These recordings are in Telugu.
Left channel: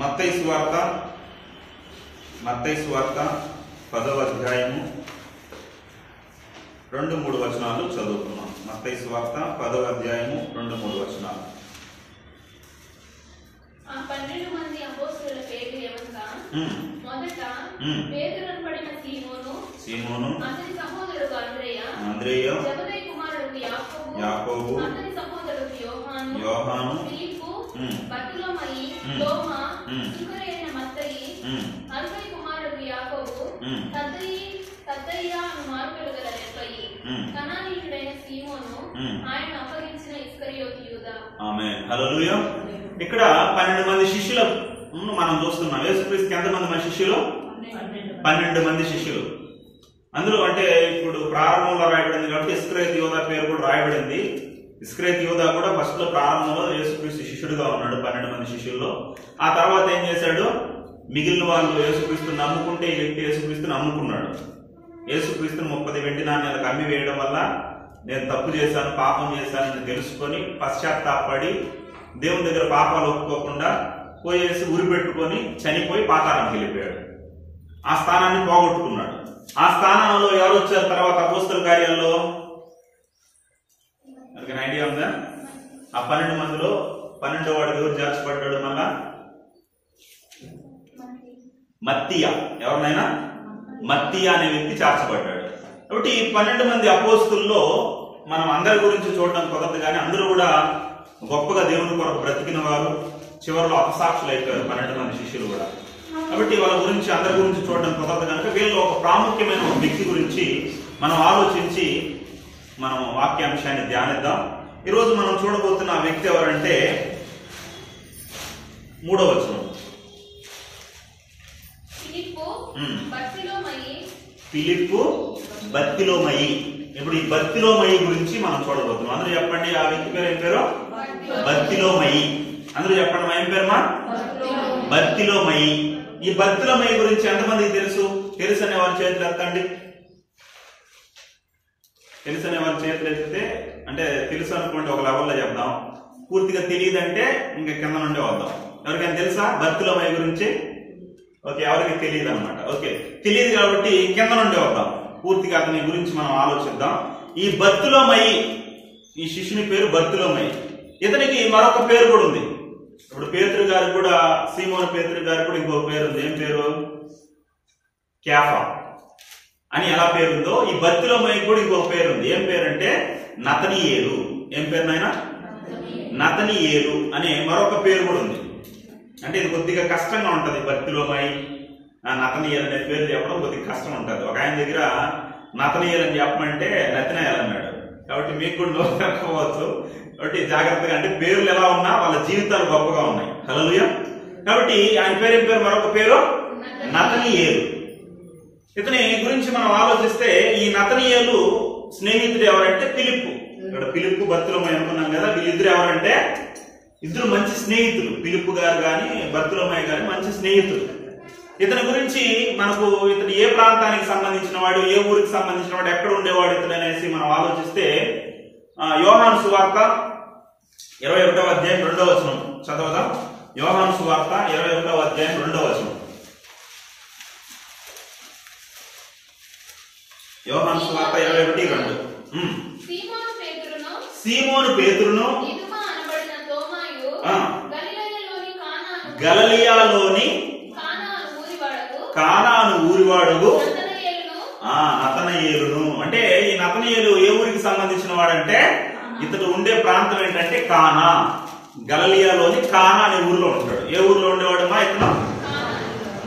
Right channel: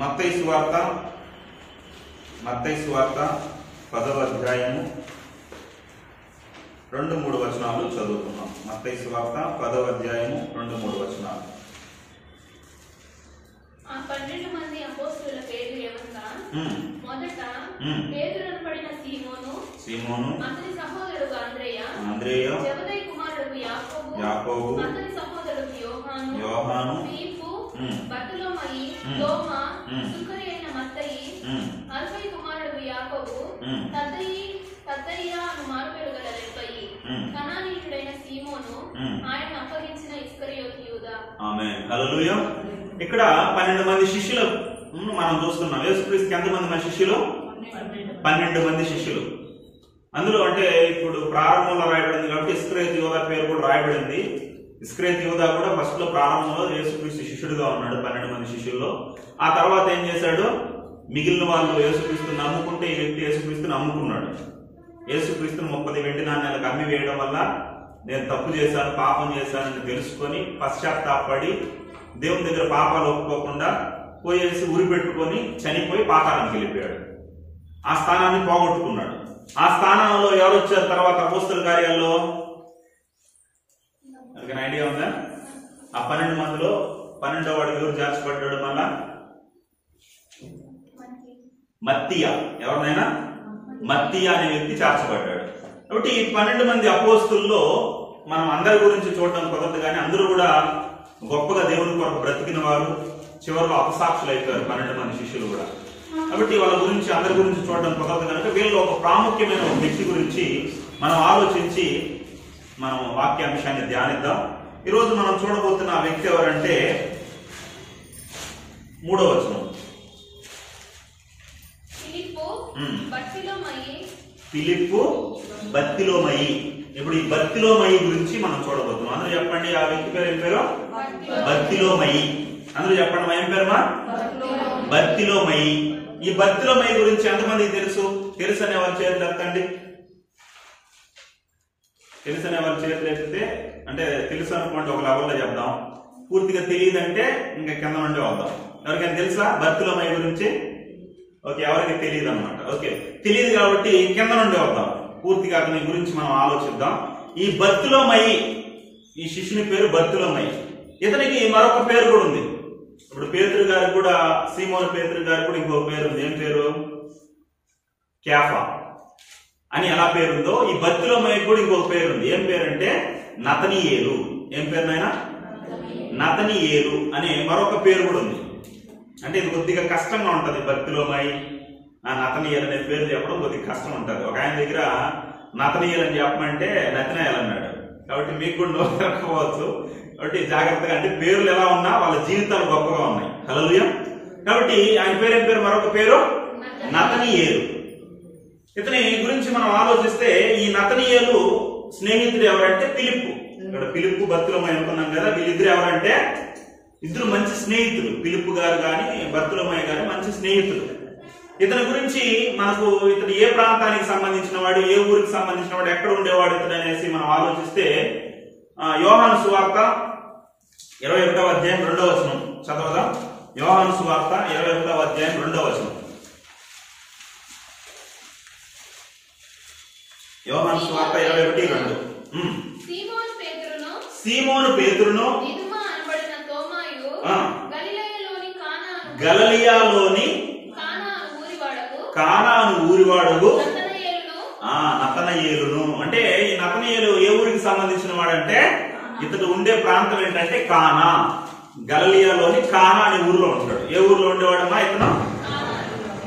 మత్తయి సువార్త 10వ అధ్యాయము 2-3 వచనాలు చదువుతున్నాం. మత్తయి సువార్త 10వ అధ్యాయము 2-3 వచనాలు. ఆ 12 మంది అపోస్తలుల పేర్లు ఎవరనగా మొదట పేతురు అనబడిన సీమోను, అతని సహోదరుడు అంద్రేయ, జెబెదయి కుమారుడు యాకోబు, అతని సహోదరుడు యోహాను, ఫిలిప్పు, బర్తలోమయి, తోమా, సుంకరి అయిన మత్తయి, అల్ఫయి కుమారుడు యాకోబు, తద్దయి అను మారుపేరు గల రెప్పయి, కనానీయుడైన సీమోను, ఆయన అప్పగించిన ఇస్కరియోతు యూదా. ఆమేన్. హల్లెలూయా. ఇక్కడ 12 మంది శిష్యులు మనం చూస్తున్నాం. యేసుక్రీస్తుకి ఎంతమంది శిష్యులు? 12 మంది శిష్యులు. అందులో అంటే ఇప్పుడు ప్రారంభంలో రాయబడింది కాబట్టి ఇస్కరియోతు యూదా పేరు కూడా రాయబడింది. ఇస్కరియోతు యూదా కూడా ఫస్ట్ లో ప్రారంభంలో యేసుక్రీస్తు శిష్యుడుగా ఉన్నాడు 12 మంది శిష్యుల్లో. ఆ తర్వాత ఏం చేశాడు? మిగిలిన వాళ్ళు యేసుక్రీస్తుని నమ్ముకుంటే ఈ వ్యక్తి యేసుక్రీస్తుని నమ్ముకున్నాడు. యేసుక్రీస్తుని 30 వెండి నాణ్యాలకు అమ్మి వేయడం వల్ల నేను తప్పు చేశాను, పాపం చేశానని తెలుసుకొని పశ్చాత్తాపడి దేవుని దగ్గర పాపాలు ఒప్పుకోకుండా పోయేసి ఉరి పెట్టుకొని చనిపోయి పాతాళానికి వెళ్ళిపోయాడు. ఆ స్థానాన్ని పోగొట్టుకున్నాడు. ఆ స్థానంలో ఎవరు వచ్చారు తర్వాత అపోస్తల కార్యాల్లో? మనకి ఐడియా ఉందా? ఆ 12 మందిలో 12వ వాడు ఎవరు చేర్చబడ్డాడు? మళ్ళా మత్తీయ. ఎవరినైనా మత్తీయ అనే వ్యక్తి చేర్చబడ్డాడు. కాబట్టి ఈ 12 మంది అపోస్తుల్లో మనం అందరి గురించి చూడడం కుదరదు, కానీ అందరూ కూడా గొప్పగా దేవుని కొరకు బ్రతికిన వారు, చివరిలో అపసాక్షులు అయిపోయారు 12 మంది శిష్యులు కూడా. కాబట్టి వాళ్ళ గురించి అందరి గురించి చూడడం కుదరదు కనుక వీళ్ళలో ఒక ప్రాముఖ్యమైన ఒక వ్యక్తి గురించి మనం ఆలోచించి మనం వాక్యాంశాన్ని ధ్యానిద్దాం. ఈరోజు మనం చూడబోతున్న ఆ వ్యక్తి ఎవరంటే 3వ వచనం. ఫిలిప్పు బర్తిలోమయి. ఇప్పుడు ఈ బర్తిలోమయి గురించి మనం చూడబోతున్నాం. అందరూ చెప్పండి, ఆ వ్యక్తి పేరు ఏం పేరు? బర్తిలోమయి. అందరూ చెప్పండి, ఏం పేరుమా? బర్తిలోమయి. ఈ బర్తిలోమయి గురించి ఎంతమందికి తెలుసు? తెలుసు అనే వాళ్ళ చేతులు ఎత్తండి. తెలుసు అనే వాళ్ళ చేతులు ఎత్తితే, అంటే తెలుసు అనుకోండి ఒక లెవెల్లో చెప్దాం, పూర్తిగా తెలియదంటే ఇంకా కింద నుండి వద్దాం. ఎవరికైనా తెలుసా బర్తిలోమయి గురించి? ఓకే, ఎవరికి తెలియదు అనమాట. ఓకే, తెలియదు కాబట్టి కింద నుండి వద్దాం, పూర్తిగా అతని గురించి మనం ఆలోచిద్దాం. ఈ బర్తిలోమయి, ఈ శిష్యుని పేరు బర్తిలోమయి. ఇతనికి మరొక పేరు కూడా ఉంది. ఇప్పుడు పేతురు గారికి కూడా, సీమోను పేతురు గారికి కూడా ఇంకో పేరు ఉంది. ఏం పేరు? కేఫా అని ఎలా పేరుందో ఈ బర్తిలోమయి కూడా ఇంకొక పేరు ఉంది. ఏం పేరు అంటే నతనీయేలు. ఏం పేరు నాయనా? నతనీయేలు అనే మరొక పేరు కూడా ఉంది. అంటే ఇది కొద్దిగా కష్టంగా ఉంటది. బర్తిలోమయి, నతనీయేలు అనే పేరు చెప్పడం కొద్దిగా కష్టం ఉంటది. ఒక ఆయన దగ్గర నతనీయేలు అని చెప్పమంటే నతనయేలు అన్నాడు. కాబట్టి మీకు కూడా నోరు తిరగకపోవచ్చు. కాబట్టి జాగ్రత్తగా, అంటే పేర్లు ఎలా ఉన్నా వాళ్ళ జీవితాలు గొప్పగా ఉన్నాయి. హల్లెలూయా. కాబట్టి ఆయన పేరు ఏం పేరు? మరొక పేరు నతనీయేలు. ఇతని గురించి మనం ఆలోచిస్తే ఈ నతనీయేలు స్నేహితుడు ఎవరంటే ఫిలిప్పు. ఇక్కడ ఫిలిప్పు బర్తిలోమయి అనుకున్నాం కదా, వీళ్ళిద్దరు ఎవరంటే ఇద్దరు మంచి స్నేహితులు. ఫిలిప్పు గారు కానీ బర్తిలోమయి గారు మంచి స్నేహితులు. ఇతని గురించి మనకు ఇతడు ఏ ప్రాంతానికి సంబంధించిన వాడు, ఏ ఊరికి సంబంధించిన వాడు, ఎక్కడ ఉండేవాడు ఇతడు అనేసి మనం ఆలోచిస్తే యోహాను సువార్త 21వ అధ్యాయం 2వ వచనం చదవదాం. యోహాను సువార్త 21వ అధ్యాయం 2వ వచనం. యోహాను సువార్త 21:2. సీమోను పేతురును గలిలయలోని కానాను ఊరివాడు నతనయేలును. అంటే ఈ నతనయేలు ఏ ఊరికి సంబంధించిన వాడంటే ఇతడు ఉండే ప్రాంతం ఏంటంటే కానా. గలిలయలోని కానా అనే ఊరిలో ఉంటాడు. ఏ ఊరిలో ఉండేవాడమ్మా ఇతను?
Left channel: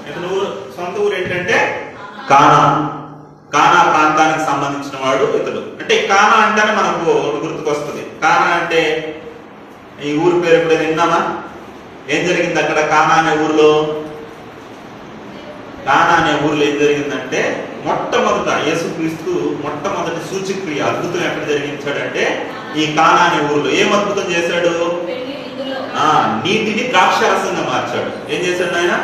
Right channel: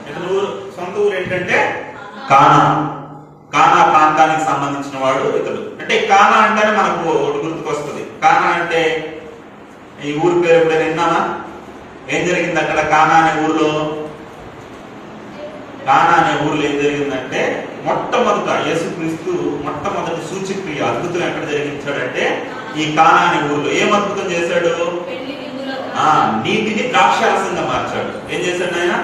ఇతను సొంత ఊరు ఏంటంటే కానా. కానా ప్రాంతానికి సంబంధించిన వాడు ఇతడు. అంటే కానా అంటేనే మనకు గుర్తుకొస్తుంది. కానా అంటే ఈ ఊరి పేరు ఎప్పుడైనా విన్నామా? ఏం జరిగింది అక్కడ కానా అనే ఊర్లో? కానా అనే ఊర్లో ఏం జరిగిందంటే మొట్టమొదట యేసుక్రీస్తు మొట్టమొదటి సూచక్రియ అద్భుతం ఎక్కడ జరిగించాడంటే ఈ కానా అనే ఊర్లో. ఏం అద్భుతం చేశాడు? నీటిని ద్రాక్షారసంగా మార్చాడు. ఏం చేశాడు ఆయన?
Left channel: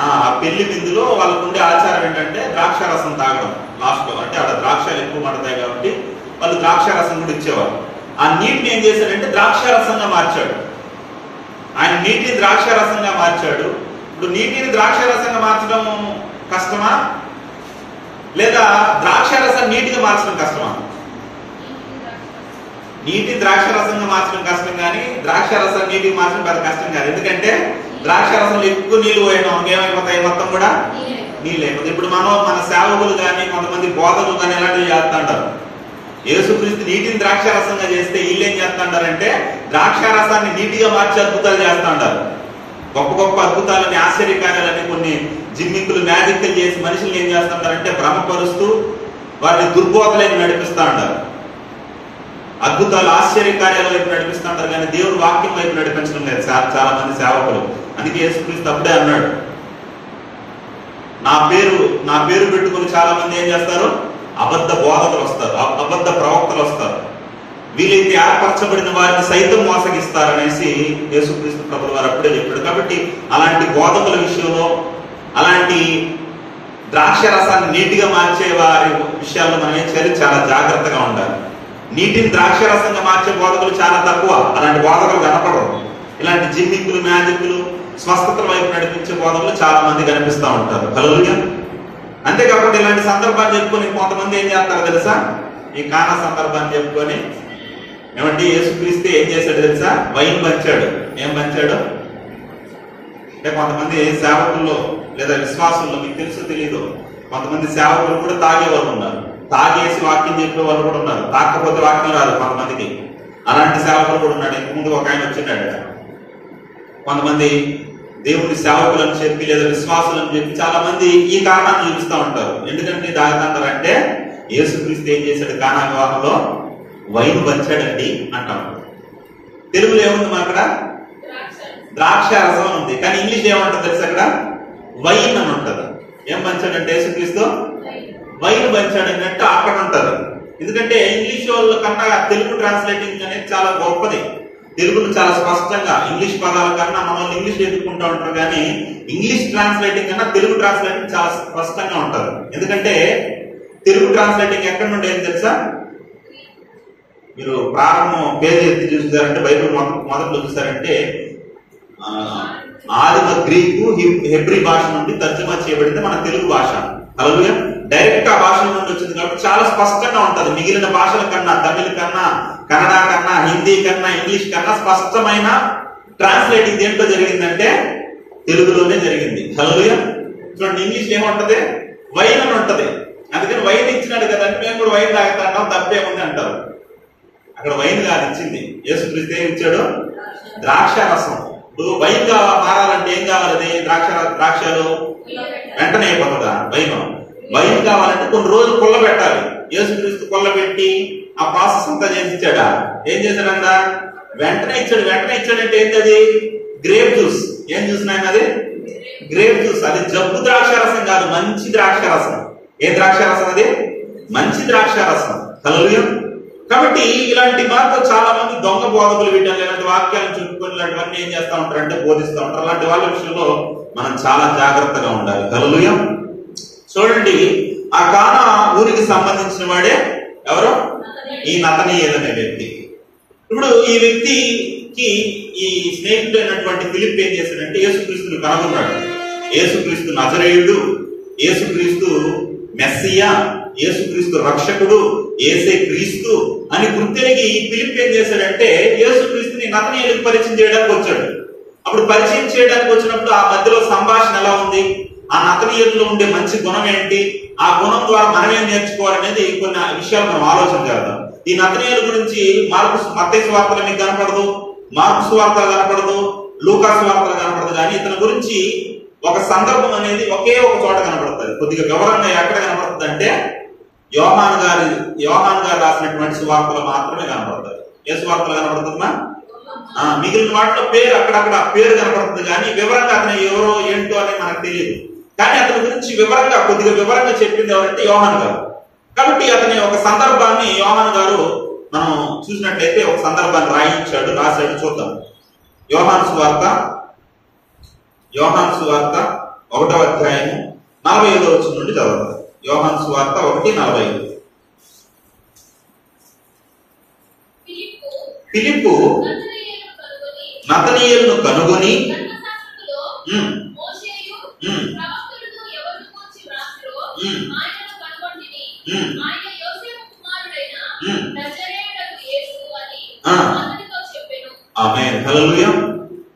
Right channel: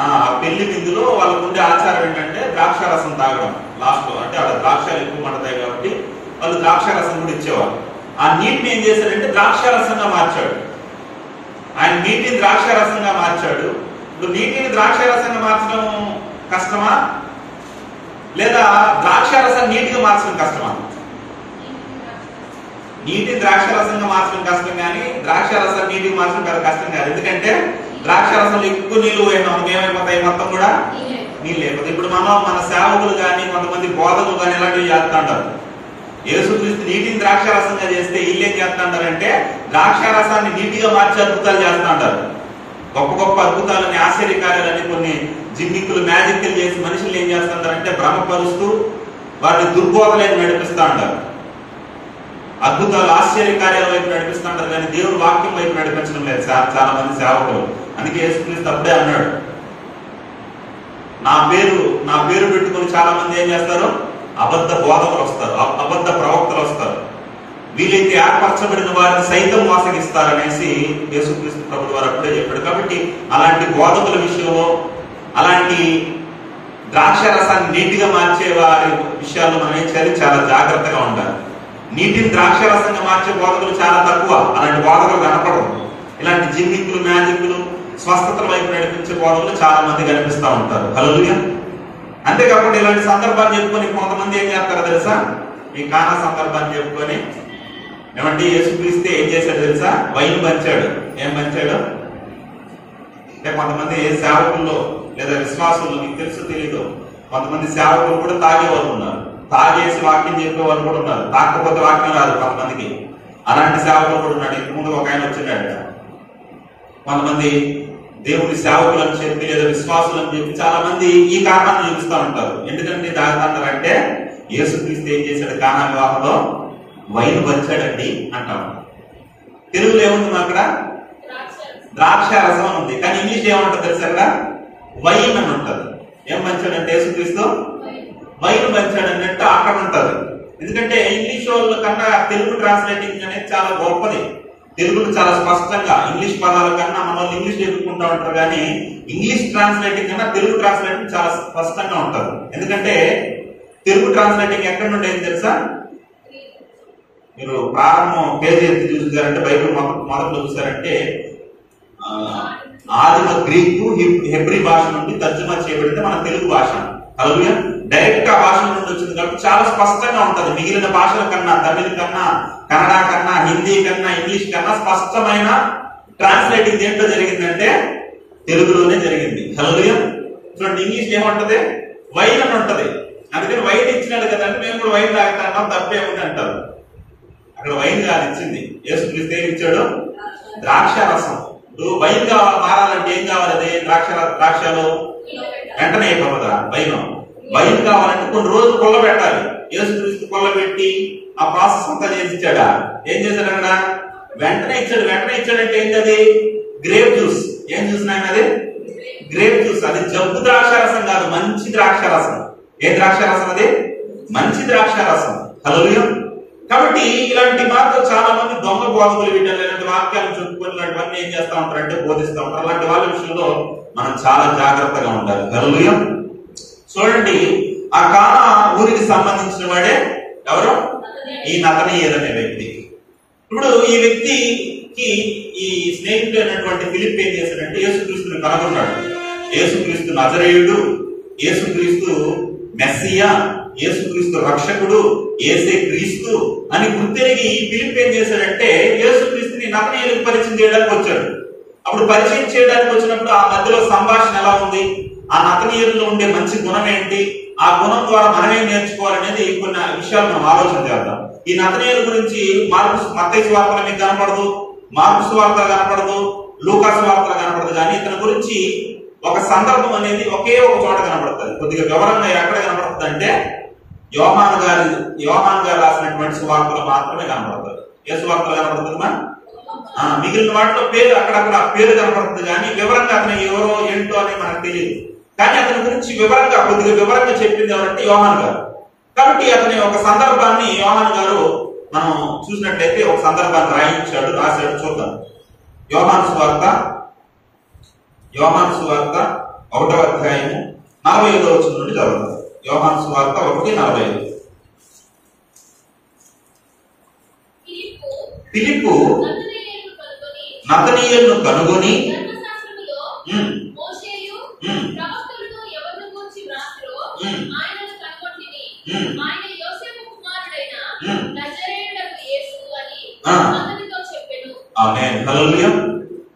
ఆ పెళ్లి విందులో వాళ్ళకు ఉండే ఆచారం ఏంటంటే ద్రాక్షారసం తాగడం లాస్ట్ లో. అంటే అక్కడ ద్రాక్షాలు ఎక్కువ పడతాయి కాబట్టి వాళ్ళు ద్రాక్షారసం కూడా ఇచ్చేవారు. ఆ నీటిని ఏం చేశాడంటే ద్రాక్షారసంగా మార్చాడు. ఆ ఆయన నీటిని ద్రాక్షారసంగా మార్చాడు. ఇప్పుడు నీటిని ద్రాక్షారసంగా మార్చడం కష్టమా, లేదా ద్రాక్షారసం నీటిగా మార్చడం కష్టమా? నీటి ద్రాక్షారసంగా మార్చడం కష్టం, కానీ ద్రాక్షారసం నీటికి మార్చడం పెద్ద కష్టం కాదు. ఎందుకంటే ద్రాక్షారసంలో ఎక్కువ నీళ్లు పోయినా ఏమైపోతాయి, మొత్తం కూడా నీళ్ళు అయిపోతాయి. ఇప్పుడు మన సేవకులు కానీ కొంతమంది బోధకులు కానీ ఇలాంటివి చేస్తా ఉంటారు. యేసుక్రీస్తు నీటిని ద్రాక్షారసంగా చేస్తే వీళ్ళు ఏం చేస్తా ఉంటారంటే ద్రాక్షారసాన్ని నీటిగా మార్చి అద్భుతాలు చేస్తా ఉంటారు. గొప్ప గొప్ప అద్భుతాలని, ఆశ్చర్యకార్యాలని, కొన్ని జిమ్మిక్కులు, మ్యాజిక్లు చేసి మనుషులు ఏం చేస్తుంటారంటే భ్రమపరుస్తూ వారిని దుర్బోధలకు నడిపిస్తూ ఉంటారు. అద్భుతాలు, ఆశ్చర్యకార్యాల వైపు నడిపిస్తూ ఉంటారు, కానీ దేవుడు వాక్యం వైపు నడిపించడం లేదు చాలా మంది సేవకులు. అందుకే యేసుక్రీస్తు అప్పుడే అన్నాడు, నా పేరు పెట్టుకుని చాలా మంది ఏం చేస్తారు, అబద్ధ బోధకులు వస్తారు, అబద్ధ ప్రవక్తలు వస్తారు, వీలైతే ఏర్పరచబడిన వారిని సైతం మోసగిస్తారనేసి యేసుక్రీస్తు ప్రభువు వారు అప్పుడే చెప్పాడు. కాబట్టి అలాంటి బోధకుల విషయంలో, అలాంటి ద్రాక్షరసాన్ని నీటిగా మార్చే వారి విషయాల్లో మనం ఏం చేయాలి, చాలా జాగ్రత్తగా ఉండాలి. నీటిని ద్రాక్షరసంగా మార్చే బోధకులు చాలా తక్కువ, అలాంటి బోధకులు కనపడరు. ఇలాంటి జిమ్మిక్కులు, మ్యాజిక్లు, స్వస్థతల వైపు నడిపించే బోధకులు చాలా మంది కనిపిస్తూ ఉంటారు. హల్లెలూయా. అంతేకాకుండా ఇలాంటి సందర్భాన్ని చెప్పుకొని కొంతమంది ఏం చేస్తారో తెలుసా, ఈ కానా సందర్భాన్ని చెప్పుకొని ఏమంటే యేసుక్రీస్తు ఏం చేశాడు తెలుసా, వైన్ పంచాడు. ఏం పంచాడు అంటే కొంతమంది సేవకుల్లో లేదా విశ్వాసంలో, మీకు తెలుసు తెలీదు, కొంతమంది సేవకులు కూడా తాగేవారు ఉన్నారు, తాగేసి వాక్యం చెప్పే వాళ్ళు కూడా ఉన్నారు, తాకపోతే వాక్యం రాదు కొంతమందికి. అలాంటి సేవకులు కూడా ఉన్నాడు. ఇంత ముందు ఒక ఆయన వచ్చినాడు. కొంతమంది దేవుని సేవకులు అని చెప్పి లేదా విశ్వాసులు అని చెప్పి చాలా మంది ఈ కారణాన్ని చూపిస్తూ ఉంటారు. ఎందుకంటే దాగుతాంటారంటే యేసుక్రీస్తు ఏం చేశాడు, కానా వివాహంలో వైన్ పంచాడండి అంటాం. తెలుగులో ఏముంది అక్కడ, ద్రాక్షారసం ఉంది, కానీ ఇంగ్లీష్ ఏమంటుంది తెలుసు, అక్కడ వైన్ అని ఉంటుంది. ఏం పంచాడంటే యేసుక్రీస్తు వైన్ పంచాడన్నట్టు అక్కడ ఉంటుంది. ఎందుకంటే ఇంగ్లీష్ వాళ్ళ కన్నా తెలుగు ట్రాన్స్లేటింగ్ అనేది చాలా గొప్పది. తెలుగును చాలా స్పష్టంగా, ఇంగ్లీష్ పదాల కన్నా మన వాళ్ళు ఇంగ్లీష్ ఎదుర్కొంటూ ఉంటారు, కానీ ఇంగ్లీష్ ట్రాన్స్లేటింగ్ కన్నా తెలుగు ట్రాన్స్లేటింగ్ చాలా స్పష్టంగా ఉంటుంది. ఎందుకంటే తెలుగు ట్రాన్స్లేటింగ్ ఎక్కడి నుండి ఏం తెలుసా, మీరు ప్రారంభం పేజీ ఎత్తి చూసారంటే, బైబిల్ మొదట్లో చూసారంటే ఆదిమ గ్రీకు, హెబ్రీ భాష నుండి తర్జుమా చేయబడింది మన తెలుగు భాష. హల్లెలూయా. డైరెక్ట్ ఆ భాష నుండి వచ్చింది కాబట్టి చాలా స్పష్టంగా ఉంటది. మిగిలిన భాషల కన్నా, తమిళ కన్నా, కన్నడ కన్నా, హిందీ కన్నా, ఇంగ్లీష్ కన్నా స్పష్టమైన ట్రాన్స్లేటింగ్ దేంట్లో జరిగిందంటే తెలుగులోనే జరిగింది. హల్లెలూయా. చూడండి, ఇంగ్లీష్ ఏముంటది, వైన్ అని ఉంటది. అందుకని వైన్ ఇచ్చినాడు కదా అంటే మేము కూడా వైన్ తాగుతా అంటాం, తప్పే ఉంది అంటారు. అక్కడ వైన్ కాదు ఇచ్చింది, యేసుక్రీస్తు ఏం ఇచ్చాడు, ద్రాక్షారసం. ఇప్పుడు వైన్ గా మారాలంటే ఏం కావాలి, అది ద్రాక్షలు వెంటనే అయిపోతుందా వైన్ కావాలంటే కొన్ని రోజులు కొల్లబెట్టాలి. యేసుక్రీస్తు కొల్లబెట్టి ఆ ప్రాసెస్ అంతా చేసి ఇచ్చాడా, ఏం చేశాడు అక్కడ, వెంటనే ఇచ్చాడంటే ఏంటి, అది గ్రేప్ జ్యూస్. ఏం జ్యూస్ నాయన, అది గ్రేప్ జ్యూస్. అది జబ్బు ద్రాక్షారసం కాదు, మంచి ద్రాక్షారసం. ఏ ద్రాక్షారసం, అది మంచి ద్రాక్షారసం. హల్లెలూయా. కాబట్టి ఇలాంటి మాత్రం చాలా మంది దొంగ బోధకులు వీటిని ఇలాంటి వాక్యాలను చెప్పుకొని ఇలాంటివన్నీ ఏం చేస్తా ఉంటారంటే బోధిస్తూ ఉంటారు. అలాంటి వాళ్ళ విషయంలో మనం చాలా జాగ్రత్తగా ఉండాలి. హల్లెలూయా. చూడండి, ఆ కానా ఊరికి సంబంధించిన వాడే ఎవరు, ఈ నతనీయేలు అనే వ్యక్తి. ఇప్పుడు ఈ వ్యక్తికి ఈ స్నేహితుడు అయినటువంటి ఫిలిప్ ఏం చేశాడంటే యేసుక్రీస్తుని కనుగొన్నాడు. యేసుక్రీస్తు నజరేయుడు, యేసుక్రీస్తు మెస్సియా, యేసుక్రీస్తు రక్షకుడు, యేసే క్రీస్తు అని గుర్తెరిగి ఈ ఫిలిప్ ఏం చేశాడంటే యేసుక్రీస్తుని నతనీయేలుకు పరిచయం చేయడానికి వచ్చాడు. అప్పుడు పరిచయం చేయడానికి వచ్చినప్పుడు ఆ మధ్యలో సంభాషణ ఎలా ఉంది, ఆ నతనీయుల్లో ఉండే మంచి గుణం ఏంటి, ఆ గుణం ద్వారా మనం ఏం నేర్చుకోవాలనేది కొన్ని విషయాలు మనం ఆలోచన చేద్దాం. ఈ నతనీయుల గురించి మత్తయి సువార్తలు మీకు కనపడదు, మార్కు సువార్తలు కనపడదు, లూకా సువార్తలు కనపడదు, కానీ ఇతని గురించి ఒక సందర్భం అనేది ఒకే ఒక చోట కనపడుతుంది. కొద్దిగా వివరంగా ఎక్కడ కనపడుతుంది అంటే యోహాను గారు రాసినటువంటి సువార్తలు మాత్రమే కనపడుతుంది. ఏ సువార్తలు కనపడుతుందా, మిగిలిన వాటిలో పేరు అక్కడక్కడ పేరు కనపడుతుంది, కానీ వివరంగా అతను ఎవరో ఏంటో అని మనకు తెలియదు. కానీ అతని గురించి కొద్దిగా వివరంగా చెప్పింది ఎవరంటే యోహాను గారు. కాబట్టి అతని ఒక సందర్భాన్ని యోహాను గారు మనం చూసినట్లయితే ఒక సందర్భాన్ని రాశాడు. చూద్దాం. యోహాను సువార్త 1వ అధ్యాయము 45వ వచనం నుండి చదువుతాం. యోహాను సువార్త 1:45. ఫిలిప్పు నతనీయులను కనుగొని ధర్మశాస్త్రములో మోషేయు ప్రవక్తలతో ఎవరిని గూర్చి వ్రాసిరో ఆయనను కనుగొంటిని. ఆయన యోసేపు కుమారుడైన నజరేయుడగు యేసు అని అతనితో చెప్పెను. ఆమేన్. హల్లెలూయా.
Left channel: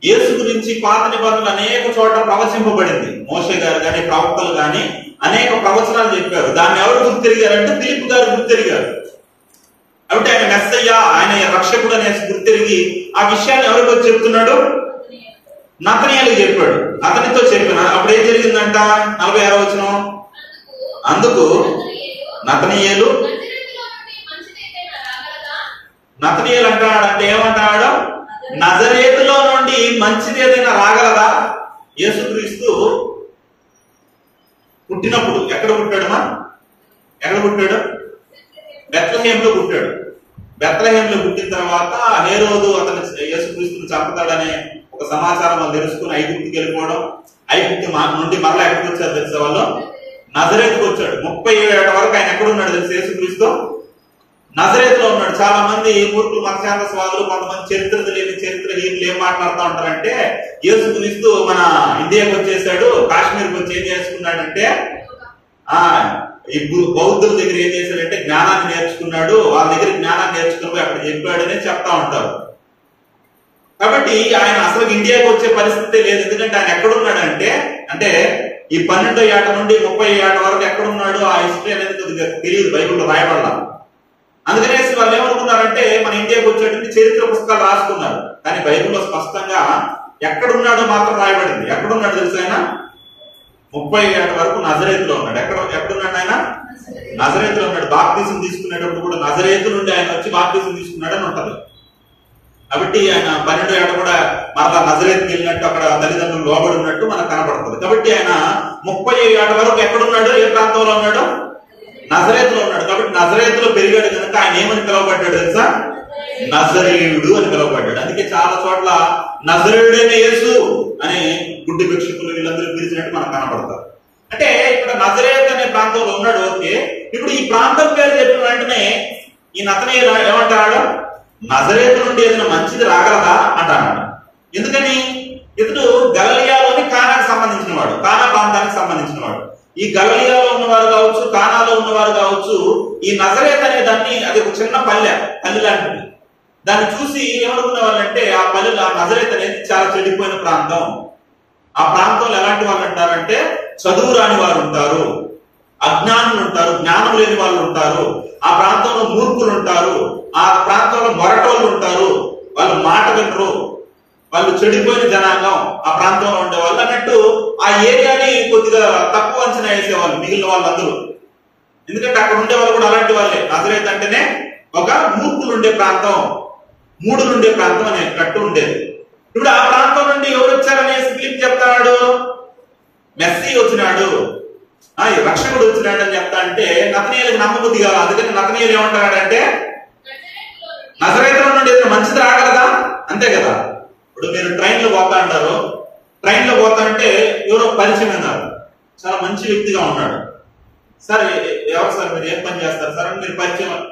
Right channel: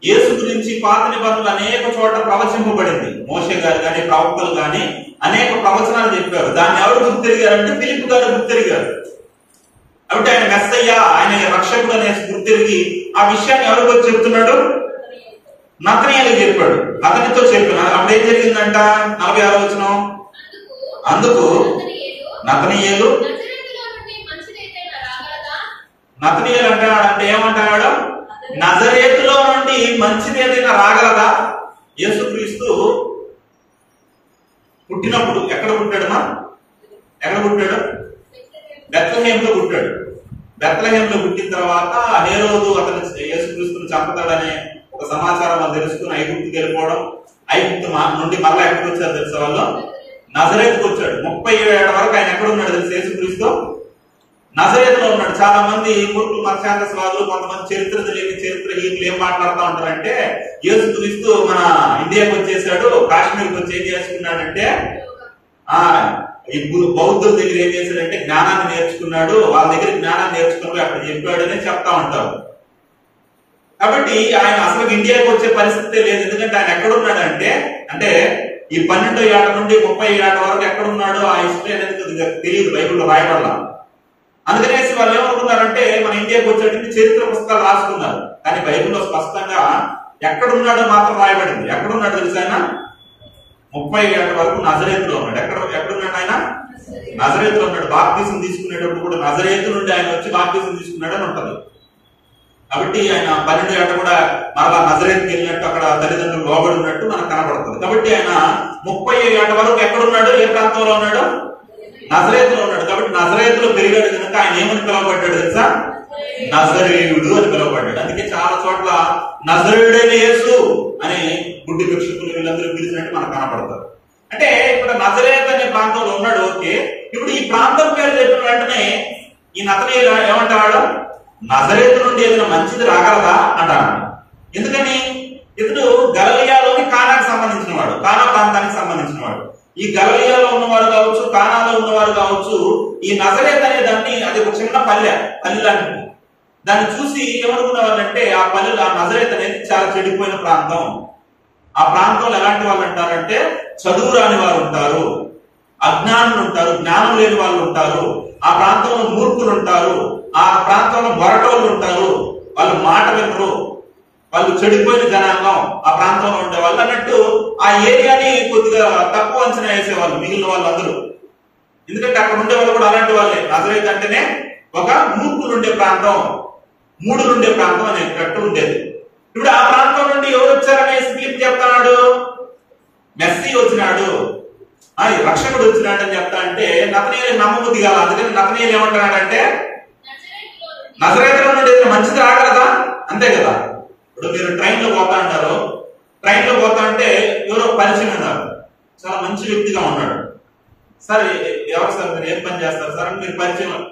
యేసు గురించి పాత నిబంధనలు అనేక చోట్ల ప్రవచింపబడింది. మోషే గారు గాని ప్రవక్తలు గాని అనేక ప్రవచనాలు చెప్పారు. దాన్ని ఎవరు గుర్తిరిగారంటే ఫిలిప్పు గారు గుర్తిరిగారు. కాబట్టి ఆయన మెస్సయ్య, ఆయన రక్షకుడు అనేసి గుర్తిరిగి ఆ విషయాన్ని ఎవరికో చెప్తున్నాడు? నతనీయులకు చెప్పాడు. అతనితో చెప్పిన అప్పుడు ఏం జరిగిందంట? 46వ వచనం. అందుకు నతనీయులు నతనీయులు అంటాడంటే ఏమంటాడు? నజరేతులో నుండి మంచిది ఏదైనా రాగలదా? యేసుక్రీస్తు పుట్టినప్పుడు ఎక్కడ పుట్టాడుమా? ఎక్కడ పుట్టాడు? బెత్లెహేంలో పుట్టాడు. బెత్లెహేంలో పుట్టిన తర్వాత హేరోదు అతను యేసుక్రీస్తుని చంపుతాడనే ఒక సమాచారం వాళ్ళు తెలుసుకుని ఐగుప్తుకి వెళ్ళిపోవడం. ఐగుప్తు నుండి మరలా ఎక్కడికి వచ్చారు తెలుసా వాళ్ళు? నజరేతుకు వచ్చాడు. 37 ఏళ్ల వరకు ఆయన ఎక్కడ ఉన్నాడు తెలుసు? యేసుక్రీస్తు నజరేతులో ఉన్నాడు. చాలా మంది మూర్ఖులు మత్స్యాంతస్వాదులు, కొంతమంది చరిత్రహీనులు ఏం మాట్లాడుతూ ఉంటారంటే యేసుక్రీస్తు మన ఇండియాకి వచ్చేసాడు, కాశ్మీర్కి వచ్చి ఏం చేసుకున్నాడంటే ఈ బౌద్ధుల దగ్గర ఏం చేశాడంటే జ్ఞానాన్ని నేర్చుకున్నాడు, వాళ్ళ దగ్గర జ్ఞానాన్ని నేర్చుకుని అక్కడ చెప్పాడని చెప్తా ఉంటారు. కాబట్టి ఆయన అసలు ఇండియాకి వచ్చే పరిస్థితి లేదు. ఎందుకంటే ఆయన ఎక్కడున్నాడంటే అంటే ఈ 12వ ఏట నుండి 30వ ఏట వరకు ఎక్కడున్నాడు ఆ హిస్టరీ అనేది కొద్దిగా తెలియదు, బైబిల్లో రాయబడాల. అందుకనేసి వాళ్ళు ఏమనుకున్నారంటే మన ఇండియాకి వచ్చేటువంటి చరిత్ర పుస్తకాలు రాసుకున్నారు. కానీ బైబిల్లో స్పష్టంగా ఎక్కడున్నాడో మాత్రం రాయబడింది. ఎక్కడున్నాడు తెలుసు? ఆయన 30 ఏళ్ల వరకు నజరేతులో ఉన్నాడు. ఎక్కడున్నాడు ఆయన? నజరేతులో ఉన్నాడు. బాప్తిసం తీసుకునేటప్పుడు కూడా నజరేతు నుండి ఆయన వచ్చి బాప్తిసం తీసుకున్నాడు అని ఉంటది. కాబట్టి ఆయన 12 ఏట కూడా మరలా నజరేతుకి వెళ్ళినట్టు అక్కడ తల్లిదండ్రులు లోబడి ఉన్నట్టు మనకు కనబడుతుంది. కాబట్టి ఆయన 30 ఏట వరకు ఎక్కడున్నాడు? ఏ ప్రాంతంలో ఉన్నాడు? నజరేతులో ఉన్నాడు. కాబట్టి నజరేతులో పెరిగాడు కనుక ఆయన ఏమని పిలువబడ్డాడు తెలుసా? నజరేయుడు అని పిలువబడ్డాడు. అందుకే చాలా చోట్ల నజరేయుడైన యేసు అని గుడ్డి భిక్షకులు వీళ్ళందరూ పిలిచినట్టు మనకు కనపడతారు. అంటే ఇక్కడ నజరేత్ అనే ప్రాంతంలో ఉన్నాడు. ఓకే, ఇప్పుడు ఈ ప్రాంతం పేరు చెప్పిన వెంటనే ఈ నతనీయులు ఏమంటాడు? నజరేతు నుండి ఏదైనా మంచిది రాగలదా అంటాడు. ఎందుకని? ఇతడు గలిలయలోని కానాకు సంబంధించిన వాడు, కానా ప్రాంతానికి సంబంధించిన వాడు. ఈ గలిలయలో ఉన్నవారు కావచ్చు, కానాలో ఉన్నవారు కావచ్చు, ఈ నజరేత్ అనే దాన్ని అది ఒక చిన్న పల్లె లాంటిది. దాన్ని చూసి ఏమనుకునే వాళ్ళంటే ఆ పల్లెలు ఆ నజరేత్ అనేది చాలా చెడిపోయిన ప్రాంతం. ఆ ప్రాంతంలో ఎలాంటి వాళ్ళు అంటారంటే చదువు రాని వారు ఉంటారు, అజ్ఞానులు ఉంటారు, జ్ఞానం లేని వాళ్ళు ఉంటారు, ఆ ప్రాంతంలో మూర్ఖులు ఉంటారు, ఆ ప్రాంతంలో మొరటోళ్ళు ఉంటారు, వాళ్ళు మాట వినరు, వాళ్ళు చెడిపోయిన జనాంగం ఆ ప్రాంతంలో ఉండే వాళ్ళు అన్నట్టు ఆ ఏరియాని కొద్దిగా తక్కువ అంచనా వేసేవాళ్ళు మిగిలిన వాళ్ళందరూ. ఎందుకంటే అక్కడ ఉండే వాళ్ళు కూడా అలాంటి వాళ్ళే. నజరేత్ అంటేనే ఒక మూర్ఖులు ఉండే ప్రాంతం, మూడులు ఉండే ప్రాంతం అనేటట్టు ఉండేది. ఇప్పుడు ఆ ప్రాంతం నుండి ఎవరు వచ్చారనేసి ఫిలిప్ చెప్తాడు? మెస్సీ వచ్చినాడు, రక్షకుడు వచ్చినాడు అని చెప్తా అంటే నతనీయులకు నమ్మబుద్ధి కాదు. అందుకని నతనీయులు ఏమంటున్నాడంటే నజరేతులో నుండి ఏదైనా మంచిది రాగలదా? అంతే కదా. ఇప్పుడు మీరు ట్రైన్ లో పోతా అంటారు, ట్రైన్ లో పోతా అంటే ఎవరో పరిచయం అన్నారు, చాలా మంచి వ్యక్తిగా ఉన్నాడు. సార్ ఎవరు సార్, మీరు ఏం పని చేస్తారు సార్ అని మీరు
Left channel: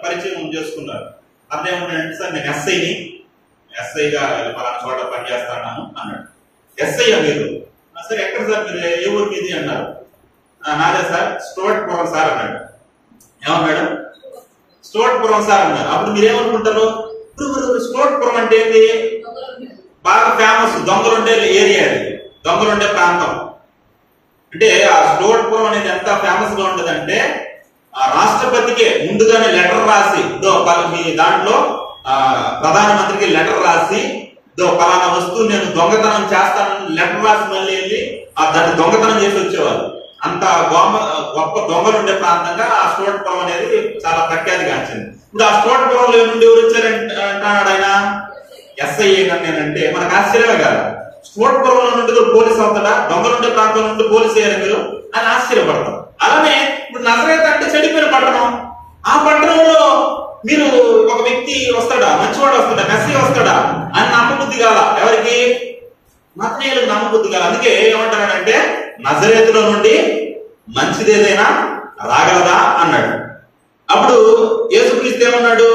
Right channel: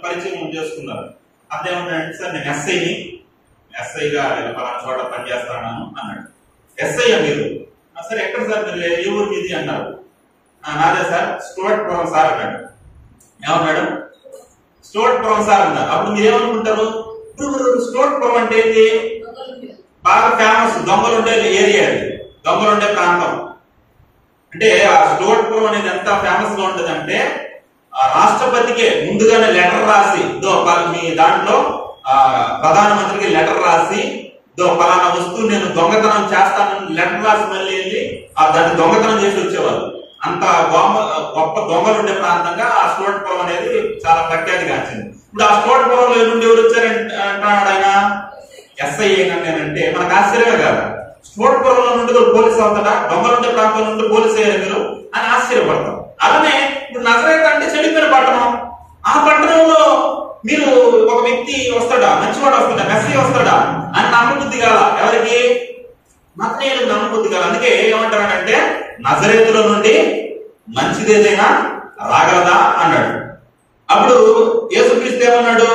పరిచయం చేసుకున్నారు. అదేమంటాడంటే సార్ నేను ఎస్ఐగా పలానా చోట పని చేస్తాను అన్నాడు. ఎస్ఐ మీరు? సార్ ఎక్కడ సార్, మీరు ఏ ఊరు మీది అన్నారు. నాదే సార్ స్టోర్పురం సార్ అన్నాడు. ఏమన్నాడు? స్టోర్పురం సార్ అన్నారు. అప్పుడు మీరేమనుకుంటారు? స్టోర్పురం అంటే ఏంటి? బాగా ఫేమస్ దొంగలుండే ఏరియా, అది దొంగలుండే ప్రాంతం. అంటే ఆ స్టోర్పురం అనేది ఎంత ఫేమస్ గా ఉంటదంటే ఆ రాష్ట్రపతికి ముందుగానే లెటర్ రాసి మీ దాంట్లో ప్రధానమంత్రికి లెటర్ రాసి పలానా వస్తువు నేను దొంగతనం చేస్తానని లెటర్ రాసి మళ్ళీ వెళ్ళి దాన్ని దొంగతనం చేసి వచ్చేవాళ్ళు. అంత గొప్ప దొంగలు ఉండే ప్రాంతంగా ఆ స్టోర్పురం అనేది చాలా ప్రఖ్యాతి గాంచింది. ఇప్పుడు ఆ స్టోర్పురంలో నుండి ఎవరు వచ్చారంటున్నాడు ఆయన? ఎస్ఐ నేనంటే మనకు ఆశ్చర్యమే కాదు. స్టోర్పురంలో నుండి పోలీసు అవుతాడా? దొంగలు ఉండే ప్రాంతం నుండి పోలీసు అయ్యారు మీరు అని ఆశ్చర్యపడతారు. అలానే ఇప్పుడు నజరేత్ అంటే చెడిపోయిన పట్టణం. ఆ పట్టణంలో మీరు ఒక వ్యక్తి వస్తాడా, మంచివాడు వస్తాడా, మెస్సీ వస్తాడా అని నమ్మబుద్ధి కాల. ఎవరికి? నతనీయులకు నమ్మబుద్ధి కాల. అందుకే ఏమంటారంటే నజరేతులో నుండి మంచిది ఏదైనా రాగలదా అన్నాడు. అప్పుడు యేసుక్రీస్తు ఏమన్నాడు?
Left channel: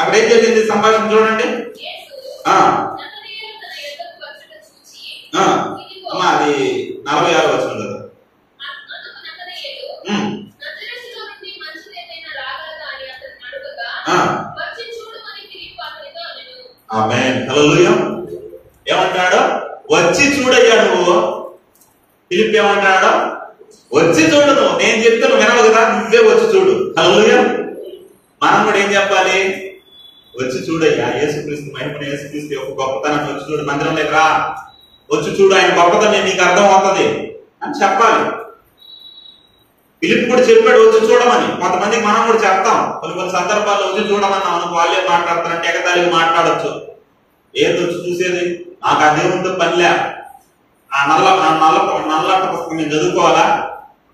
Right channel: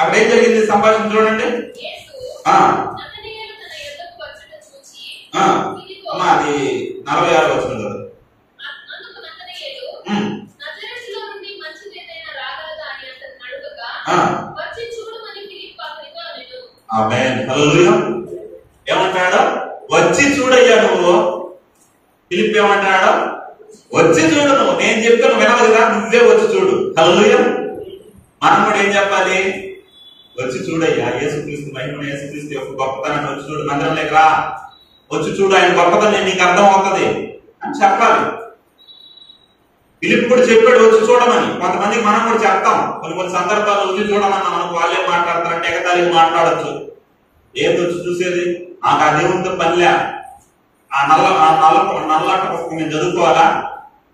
అక్కడ ఏం జరిగింది సంభాషణ చూడండి. అమ్మా అది 46 వచనం కదా. అందుకు నతనయేలు నజరేతులో నుండి మంచిదేదైనా రాగలదా అని అతన్ని అడుగగా వచ్చి చూడమని ఫిలిప్పు అతనితో అనెను. ఆమేన్. హల్లెలూయా. ఏమంటాడు? వచ్చి చూడయ్యా నువ్వు. ఫిలిప్పు ఏమంటాడు? వచ్చి చూడు నువ్వు. నేను చెప్తే నువ్వు వినవు కదా, నువ్వే వచ్చి చూడు. హల్లెలూయా. మనం కూడా ఏం చెప్పాలి? వచ్చి చూడయ్యా యేసుక్రీస్తు మహిమను, యేసుక్రీస్తు యొక్క గొప్పతనాన్ని వచ్చి చూడు. మందిరంలోకి రా, వచ్చి చూడు, ఆయన గొప్పతనం నీకు అర్థం అవుతుంది అని చెప్పాలి. ఫిలిప్పు కూడా చెప్పాడు వచ్చి చూడమని. కొంతమందికి మనం కూడా చెప్తాం, కొన్ని సందర్భాల్లో వచ్చి చూడమన్నాం అనుకో, వాళ్ళే మాట్లాడతారంటే ఎగతాళిగా మాట్లాడచ్చు. ఏది వచ్చి చూసేది? నాకు ఆ దేవునితో పనిలే, ఆ నల్లట పుస్తకం నేను చదువుకోవాలా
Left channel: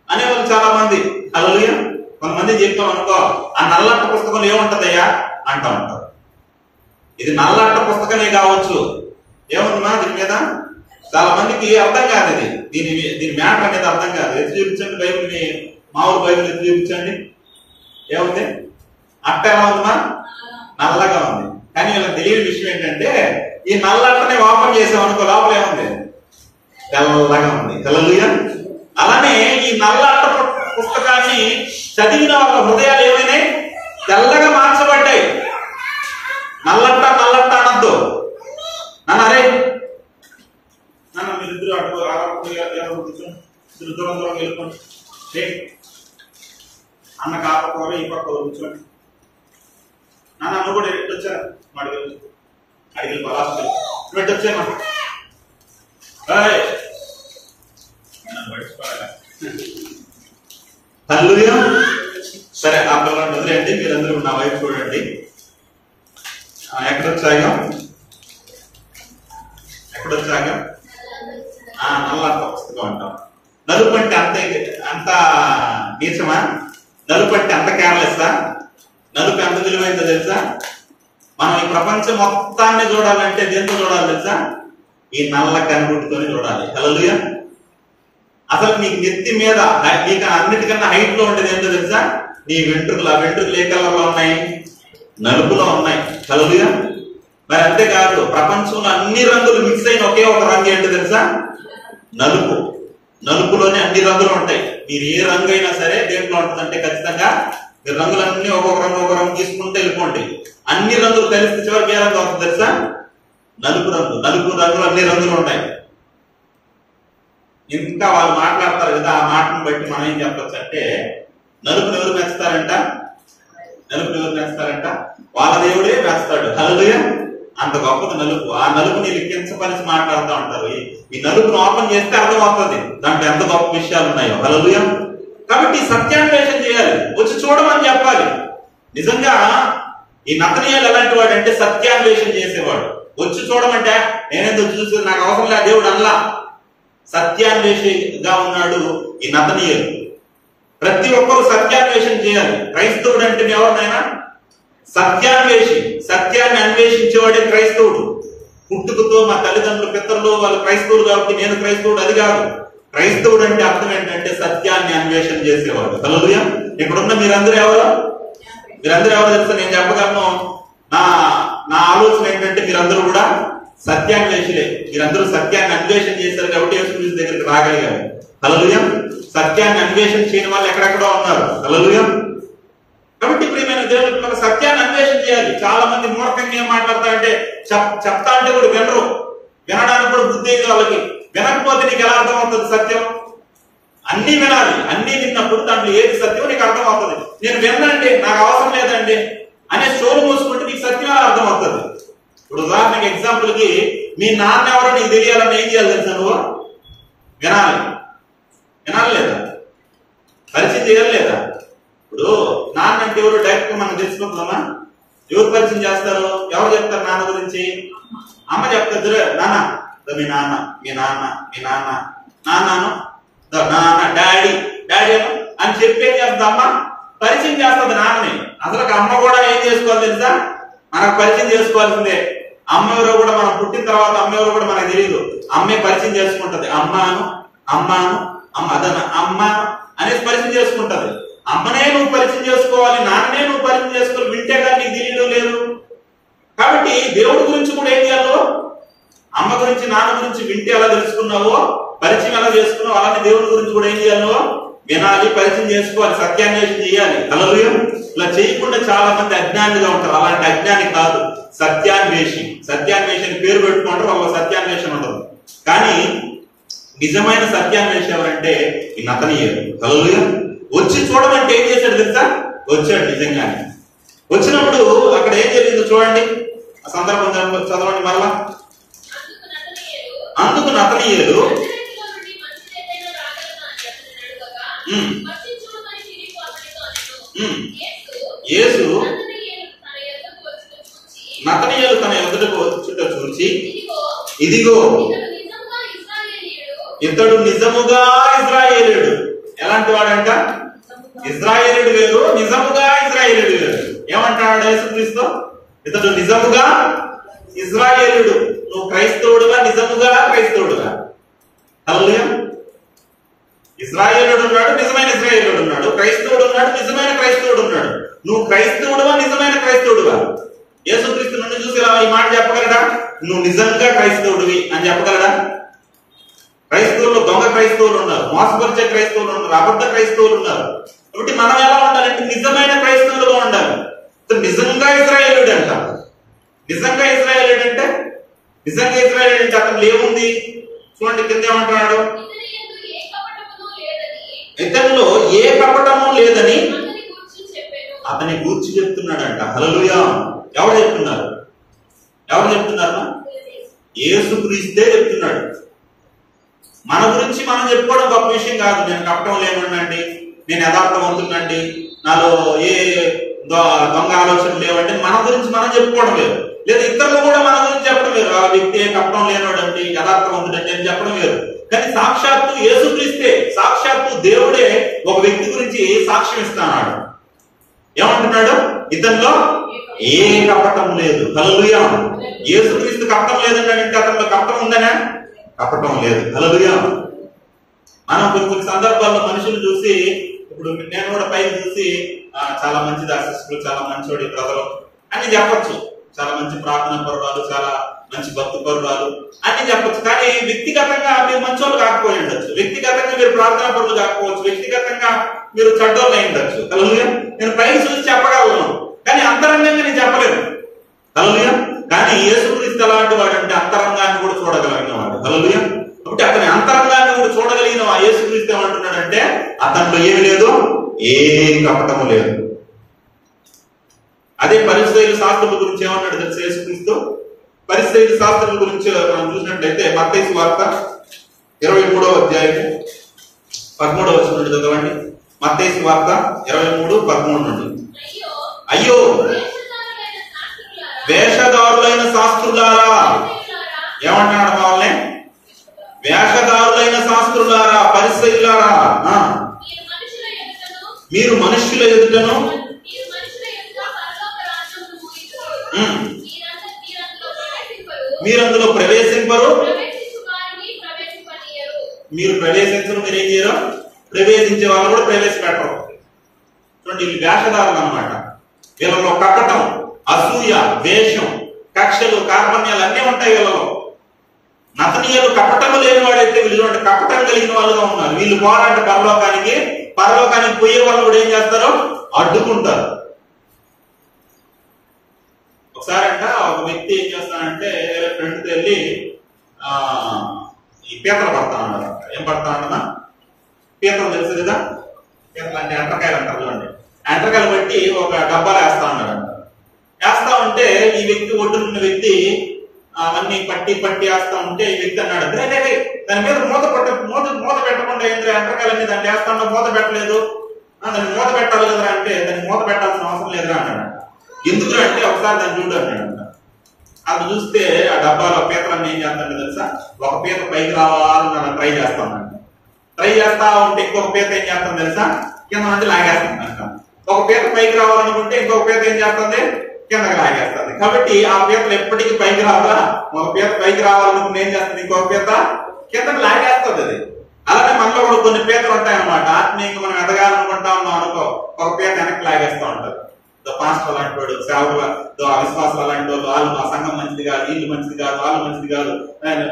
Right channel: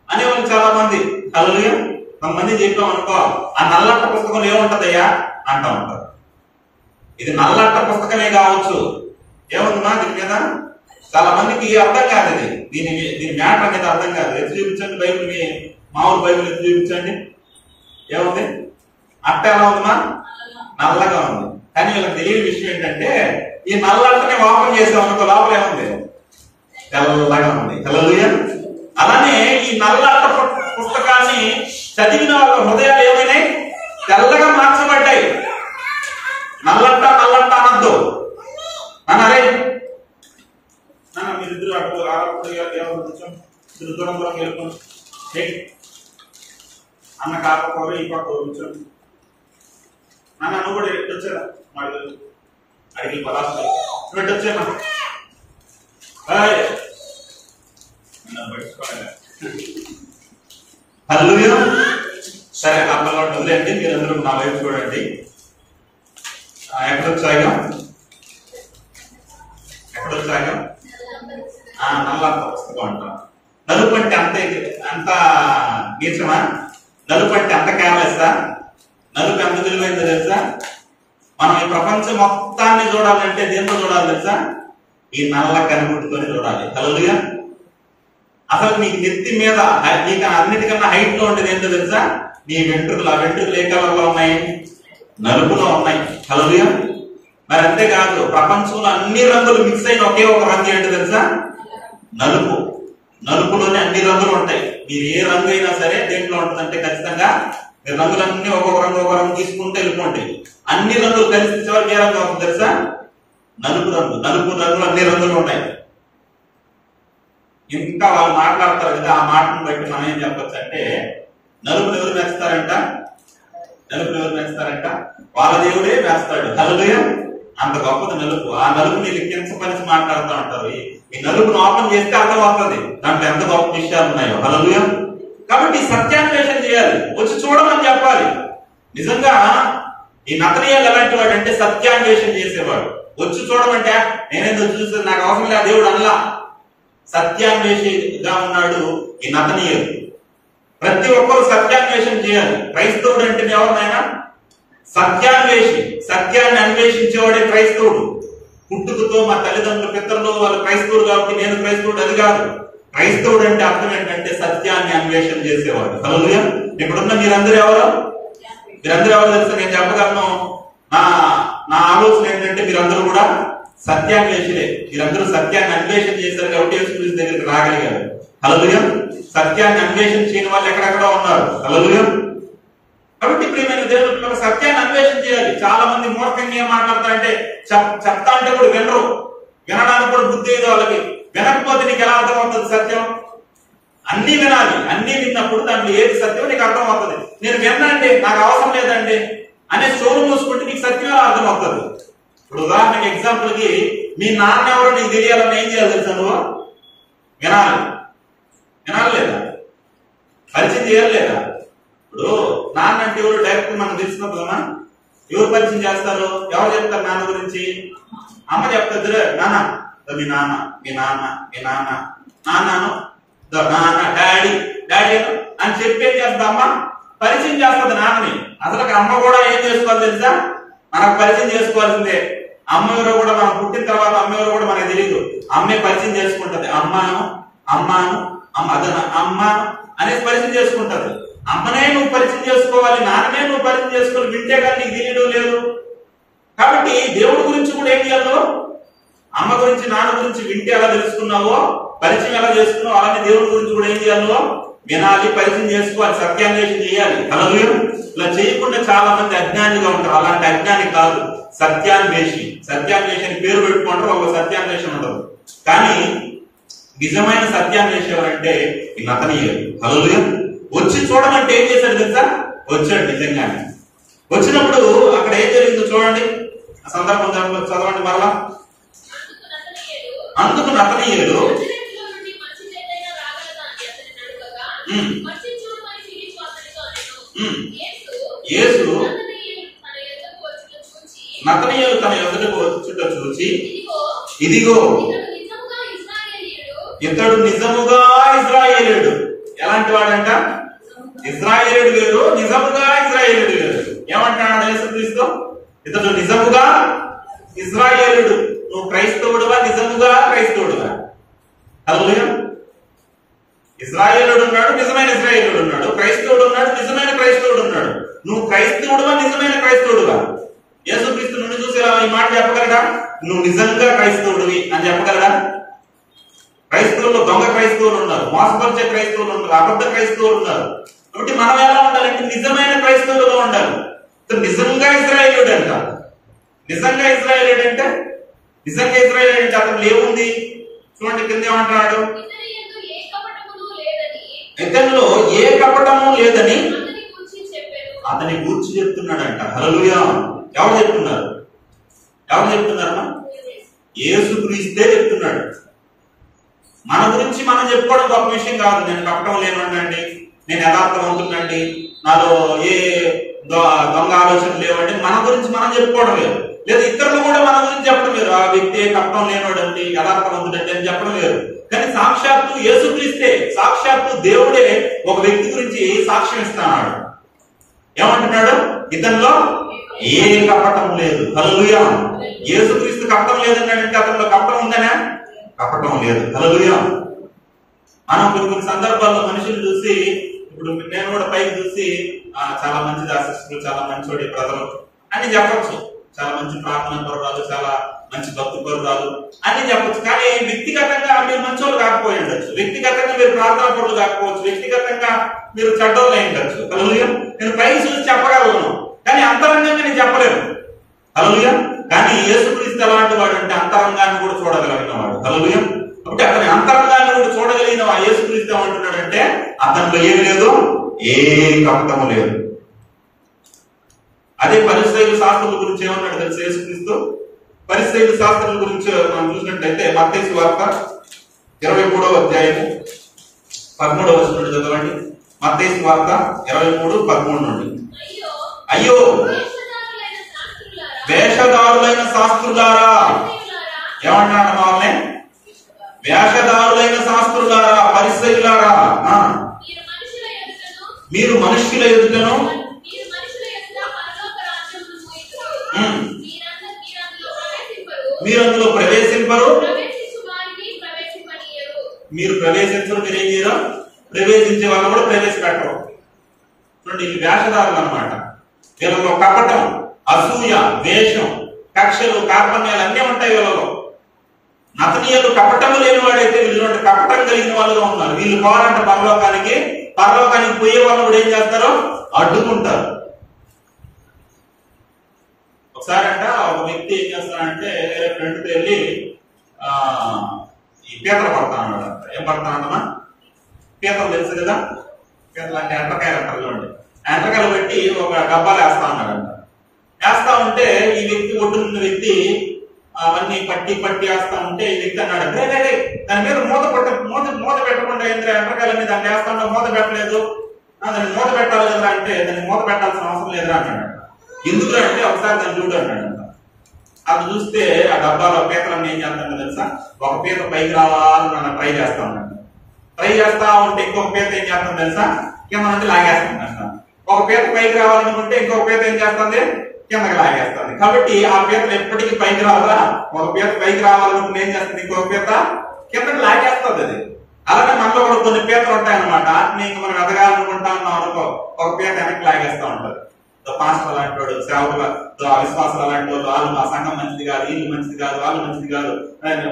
అనేవాళ్ళు చాలా మంది. హల్లెలూయా. కొంతమంది చెప్పాం అనుకో, ఆ నల్లట పుస్తకంలో ఏముంటదయ్యా అంటా ఉంటారు. ఇది నల్లట పుస్తకమే కావచ్చు, ఏముందమ్మా దీని మీద చాలా మందికి అర్థం కాదు. దీని మ్యాటర్ అనేది అర్థం కాదు. ఎత్తు చూపించండి బైబిల్ని, మామూలు బైబిల్ ఎత్తు చూపించండి. ఏముంది? అట్ట ఎలా ఉందమ్మా? నల్లగా ఉంది. కానీ వీళ్ళకి తెలియని విషయం ఏంటంటే, ఈ నల్లటనే ఓపెన్ చేసాం అనుకో, లోపల ఏముంది? తెల్లగా ఉంది. హల్లెలూయా. అలానే ఈ నల్లట పుస్తకాన్ని చదివిన వాళ్ళ హృదయాలు ఏమైనాయి? తెల్లగా మార్చబడ్డాయి. నల్లట్ట నల్లట్ట అనద్దు అరే నాన్న, మీరిద్దరు అటు ఇద్దరు దూరం దూరం వెళ్ళిపోండి. అన్న కాకపోరు ఈ పక్క కూర్చోండి. నాన్న నువ్వు కూడా ఎట్టు వచ్చారా? అడిగి పలాసు ఎట్టు వచ్చామా? హల్లెలూయా. సరే, ఆ పిల్లవాడిని వదిలేండి, మీరందరూ నా వైపు చూడండి. ఎక్కడొచ్చాగా? నల్లట పుస్తకం అంటాం. నలుపు అంటే అంత నీచమా? నలుపు అంటే అంత కేర్లెస్సా? నలుపు ఎంత విలువైందో తెలుసా? మనం ఈ ప్రపంచం మొత్తాన్ని చూడాలంటే దేంతో చూడాలి తెలుసా? ఈ నల్ల కనిగుడ్డుతోనే చూడాలి. హల్లెలూయా. అసలు నీకు నెత్తి మీద నీకు అన్నిటికన్నా హైట్ లో ఉండేది ఏంటో తెలుసా? నీ వెంట్రుకలు. ఆ వెంట్రుకలు ఏ కలర్లో ఉన్నాయి? నలుపులో ఉన్నాయి. హల్లెలూయా. మరి అంతేకాదు, ప్రపంచంలో అన్ని రంగులు మిక్స్ అయిన ఒకే ఒక రంగు ఏంటో తెలుసా? నలుపు. నలుపులోనే అన్ని రంగులు ఉంటాయి. మీరు ఏ రంగు అయినా సరే దేంట్లో ఉంటుందంటే ఖచ్చితంగా మీరు రంగులన్నీ ఒక్కొక్క రంగు తీసుకుంటే వెళ్ళిపోండి. అన్ని రంగులు కలిసి చివరికి ఏ రంగు అవుతుంది తెలుసా? నలుపు రంగు. నలుపు రంగులు అన్ని రంగులు ఉంటాయి. ఇంకా వాళ్ళు మాట్లాడతారు కదా, ఆ మాటను బట్టి మనం ఏం చెప్పచ్చు అంటే, నలుపుని ఎవరు మెచ్చుతారంట? వాళ్ళ దేవుడే వేస్తాడు. హల్లెలూయా. అంత గొప్పది నలుపు. ఆ నలుపుని కించపరిచి మాట్లాడుతూ ఉంటారు. ఈ నలుపుని ఓపెన్ చేస్తే అర్థమవుతుంది దాంట్లో ఎంత గొప్ప విషయాలు ఉన్నాయో. హల్లెలూయా. కాబట్టి సత్యాన్వేషణ చేయాలి, వచ్చి చూడమని చెప్పాలి. నిజంగా ఈ నతనీయులు ఎలాంటి వాడు అంటే సత్యాన్వేషణ చేసేవాడు. వచ్చి చూడమంటే నేనేందో చూసి నాకు అవసరం లేదు దేవుడు అల్లా. సత్యాన్వేషిగా ఉన్నాడు ఈ నతనీయులు. ప్రతి ఒక్కరు సత్యాన్వేషణ చేయాలి. క్రైస్తవుడు అంటే ఎవరినైనా సత్యాన్వేషి, సత్యాన్ని అన్వేషించేవాడే క్రైస్తవుడు. పుట్టుకతో మా తల్లిదండ్రుల పితరులు వాళ్ళు క్రైస్తవుడు కాబట్టి నేను క్రైస్తవుడు అది కాదు. క్రైస్తవుడు అంటే అర్థం ఏంటంటే సత్యాన్ని అన్వేషణ చేసేవాడు. హల్లెలూయా. ఇప్పుడున్న మీరందరూ ఎవరు తెలుసా? నేను చెప్పగలను, నా ఆలోచన ఏంటంటే మీరందరూ కూడా సత్యాన్వేషులే. మీరందరూ సత్యాన్ని అన్వేషణ చేశారు కాబట్టి యేసుక్రీస్తు దగ్గరికి రాగలిగారు. హల్లెలూయా. సత్యాన్ని అన్వేషణ చేయని వాళ్ళు ఎక్కడెక్కడో ఉన్నారు. హల్లెలూయా. కాబట్టి ప్రియమైన దేవుని పిల్లలు సత్యాన్ని అన్వేషణ చేయాలి. చాలా మంది మూర్ఖంగా ఏం మాట్లాడతారంటే చెప్తా అంటే కూడా వినరు, వినడానికి కూడా బుద్ధి అయితే వాళ్ళకి. వినకపోతే నీకు ఎలా అర్థం అవుతుంది సత్యం? అన్ని వినాలి. అన్ని విన్నప్పుడు దాంట్లో ఏది సత్యం నీకు అర్థం అవుతుంది. నేను వినండి, నాకు అవసరం లేదండి అనే చోరు మూసుకుంటే నీకు సత్యం ఎలా అర్థం అవుతుంది? ఇప్పుడు ఉదాహరణకి ఎగ్జాంపుల్ కి మీ నాన్న ఎవరో నీకు తెలియాలని ఏం చేయాలి తెలుసా? నువ్వు వినాలి లేదా? పరిచయం చేయాలి లేదా? ఇప్పుడు నాన్న అంటే ఎవరు డైరెక్ట్ మనకు తెలిసిపోతుందమ్మా. ఎవరు పరిచయం చేస్తారు? ఎవరు చెప్తారు నాన్న గురించి? అమ్మ చెప్తారు. మీ నాన్నను డాడీ అని చెప్పేం చేస్తుంది అమ్మ? పరిచయం చేస్తుంది నాన్నని. అసలు అమ్మ కూడా ఏం చేసుకోవాలి తెలుసా? మనకు పరిచయం చేసుకోవాల్సిందే. అమ్మ ఎవరో కూడా మనం పుట్టిన తర్వాత అమ్మ ఎవరో కూడా మనకు తెలియదు. అమ్మే పరిచయం చేసుకుంటది. అమ్మ అనేసి పరిచయం చేసుకుంటది. అమ్మనే నువ్వు పరిచయం చేసుకోవాలి, నాన్ననే నువ్వు పరిచయం చేసుకోవాలి. వింటే కానీ నీకు తెలియడం లేదు. కాబట్టి దేవుడి గురించి కూడా ఏం చేయాలో అమ్మ గురించి నాన్న గురించి వింటే ఎలా తెలుసుకున్నావో, పరిచయం ఎలా చేసుకున్నావు, అలానే దేవుడి గురించి కూడా ఏం చేయాలో వినాలి, పరిచయం చేసుకోవాలి, సత్యాన్వేషణ చేయాలి. హల్లెలూయా. ఇలా చేయకుండా చాలా మంది అజ్ఞానిగా ఉంటారు. అలాంటి అజ్ఞాని కాదు, సత్యాన్వేషి. సత్యాన్వేషణ పేరు పెట్టుకుంటారు, ఒక సత్యాన్వేషణ ఉండదు. కానీ నిజమైన సత్యాన్వేషణ ఎవరంటే ఈ నతనీయుడు. హల్లెలూయా. వచ్చి చూడమంటే ఏం చేశాడు తెలుసా? వచ్చాడు నిజంగానే. వచ్చినప్పుడు అక్కడ ఏం జరిగిందో చూడండి, ఆ సందర్భం చదవండి మరలా. అందుకు నతనీయుడు యేసు నతనీయులు తన ఎదుటకు వచ్చుట చూచి, ఇదిగో ఇతడు నిజముగా ఇశ్రాయేలీయుడు. ఎలాంటి వాడంట? ఇశ్రాయేలీయుడు వేరు, నిజముగా ఇశ్రాయేలీయుడు వేరు. ఏమంటాడు యేసుక్రీస్తు? ఇతడు నిజముగా ఇశ్రాయేలీయుడు. నువ్వు క్రైస్తవుడుగా, నిజముగా క్రైస్తవుడుగా. హల్లెలూయా. ఇశ్రాయేలుడు ఉన్నాడు, నిజమైన ఇశ్రాయేలుడు ఉన్నాడు. క్రైస్తవుడు ఉన్నాడు, నిజమైన క్రైస్తవుడు ఉన్నాడు. నువ్వు క్రైస్తవుడుగా, నిజమైన క్రైస్తవుడుగా. యేసుక్రీస్తు నుండి చూసి ఇలా ఈ మాట చెప్పగలడా? నువ్వు నిజంగా క్రైస్తవుడివి అని చెప్పగలడా? క్రైస్తవులు దొంగ క్రైస్తవులు ఉన్నారు, మోసపరిచే క్రైస్తవులు ఉన్నారు, అబద్ధ క్రైస్తవులు ఉన్నారు. కాబట్టి మనం ఎలా ఉండాలంటే నిజమైన క్రైస్తవులుగా ఉండాలి. నిజంగా ఇశ్రాయేలుడు అంట. నిజంగా ఇశ్రాయేలుడు అంటే, నిజంగా ఇశ్రాయేలుడు అంటే అతను ఏముంది చూడండి, కింద ఏమంటున్నాడు? ఇతనిలో ఏ కపటము లేదని అతని గూర్చి చెప్తున్నాడంట. హల్లెలూయా. ఎవరు చెప్తున్నారు? ఎవరు చెప్తున్నారు? యేసుక్రీస్తే చెప్తున్నాడు. మన గురించి మనం చెప్పుకోవడం గొప్ప విషయం కాదు. నేను కపటం లేనండి, నేను యథార్థవంతునండి, నాలో ఏ దొంగ ఆలోచనలు లేవండి, మన గురించి మనం చెప్పుకోవడం వేరు. లేదా ఇతరులు కూడా మన గురించి చెప్పడం వేరు. ఆ వ్యక్తి కపటం లేనోడండి, యథార్థవంతుడండి అని చెప్పడం వేరు. కానీ సాక్షాత్తు యేసుక్రీస్తే, సాక్షాత్తు దేవుడే ఒక వ్యక్తి గురించి సాక్ష్యం ఇస్తున్నాడు. ఏమంటున్నాడు? ఇతనిలో ఏ కపటం లేదు. హల్లెలూయా. యేసుక్రీస్తు కపటం లేదన్నాడంటే అతనిలో కపటం ఉందనే? కపటం లేదు. హల్లెలూయా. మనం కొన్ని సందర్భాల్లో మనుషులు చూసి, ఇప్పుడు నేను కూడా పైకి చూసి చాలా మంచి దాసిస్తులు, చాలా మంచోడి బ్రదరు అని చెప్పొచ్చు, చాలా మంచి ప్రార్థన పరురాలు, చాలా మంచి భక్తి పరురాలు అని చెప్పొచ్చు. కానీ వ్యక్తిగతంగా మీరు మంచోళ్ళు కాకపోయి ఉండొచ్చు, వ్యక్తిగతంగా మీరు ప్రార్థన పరులు కాకపోవచ్చు, వ్యక్తిగతంగా మీరు చెడ్డోళ్ళు అయి ఉండొచ్చు. హల్లెలూయా. నేను పైకి చూసి చెప్పగలను, కానీ అంతరంగంగా నేను చెప్పలేను. హల్లెలూయా. కానీ యేసుక్రీస్తు అలాంటి వాడు అంటే అంతరంగాన్ని కూడా చూడగలిగిన వాడు. హల్లెలూయా. కాబట్టి అతని అంతరంగాన్ని కూడా చూడగలిగిన ఆ యేసుక్రీస్తు ఏమంటున్నాడంటే అతనిలో ఏమి లేదు, ఏ కపటము లేదు. అదే పరిసయ్యుల శాస్త్రుల గురించి ఏమన్నాడు తెలుసు యేసుక్రీస్తు? పరిసయ్యుల శాస్త్రుల గురించి మనం చూసినట్లయితే మత్తయి సువార్త 23వ అధ్యాయము 13వ వచనం నుండి చదవండి. మత్తయి సువార్త 23:13 నుండి. అయ్యో వేషధారులైన శాస్త్రులారా, ఏమంటున్నాడు వాళ్ళని? వేషధారులైన శాస్త్రులారా, పరిసయ్యులారా, మీరు మనుష్యుల ఎదుటను మీరు అందులో ప్రవేశింపరు, మీరు ప్రవేశించరు, మీరు ఏం చేయరు, ప్రవేశించే వాళ్ళు కూడా ప్రవేశపెట్టరు. చూడండి, ఇది వేషధారులు అన్నమాట. వీళ్ళలో కపటం, అసూయ, ద్వేషం, కక్షలు, కార్పణ్యాలు అన్నీ ఉంటాయి వీళ్ళలో. నతనీయులు కపటము లేని వాడైతే వీళ్ళు కపటం కలిగిన వాళ్ళుగా ఉన్నారు. వీళ్ళు పోరాట పరలోకానికి పోయే వాళ్ళు కూడా ఏం చేస్తారు, అడ్డుకుంటారు. ఒకసారి అంట ఒక వ్యక్తి ఏం చేస్తానంటే వేరే ఫ్రెండ్తో వెళ్ళి ఈ పీతలు పడతా అన్నాడు. ఏం పడతా అన్నా? పీతలు తెలుసు కదా, పీతలు అంటే ఎండ్రకాయలు అంటారు చూడండి. ఎండ్రకాయలు పెట్టి ఒక డబ్బాలు వేస్తా ఉన్నాడంట. వేస్తా ఉంటే ఈ వ్యక్తి ఒడ్డున్న వ్యక్తి అవన్నీ పట్టి వేస్తా ఉంటే ఈ వ్యక్తి అన్నాడు, రే దాని మీద మూత పెట్టకుండా ఏంద్రే ఎండ్రకాయలన్నీ దాన్ని వేస్తా ఉన్నా, మూత పెట్టలేదు, దాన్ని మూత పెట్టాలి కదా అంటే దాన్ని మూత పెట్టాల్సిన అవసరం లేదురా అన్నాడు. ఎందుకు అంటే ఒకసారి దాన్ని చూడు అన్నాడంట. అది చూస్తే ఆ డబ్బాలో పీతలన్నీ ఏం చేస్తాడంటే తెలుసా, ఒక పీత పైకి రావాలని ట్రై చేస్తా ఉన్నాడు. ట్రై చేస్తా ఉంటే ఇంకొక పీత ఏం చేస్తాను తెలుసా, కింద నుండి లాగేస్తుందంట. ఒక పీత పైకి రావాలనుకుంటే ఇంకొక పీత ఏం చేస్తుంది, కిందకి లాగేస్తుంది. కాబట్టి ఆ పీతలు ఎప్పటికీ పైకి రావాలా, ఒక పీత పైకి రావాలనుకుంటే ఏం చేస్తుంది, ఇంకొక పీత కిందకి లాగేస్తుంది. అది అలానే మనలో కూడా కొన్ని పీతలు ఉంటాయన్నమాట. ఇంక మనం ఎదగాలనుకుంటా ఉన్నాం అనుకో, ఒక పీత వెనక్కి లాగేస్తూ ఉంటది. పాస్టర్ అలాంటి వాడు, సేవకుల విశ్వాసాలు అలాంటి వాళ్ళు, వాళ్ళు మా సంఘం మంచిది కాదు, వీళ్ళు మంచిది కాదు, వాళ్ళు మంచిది కాదు,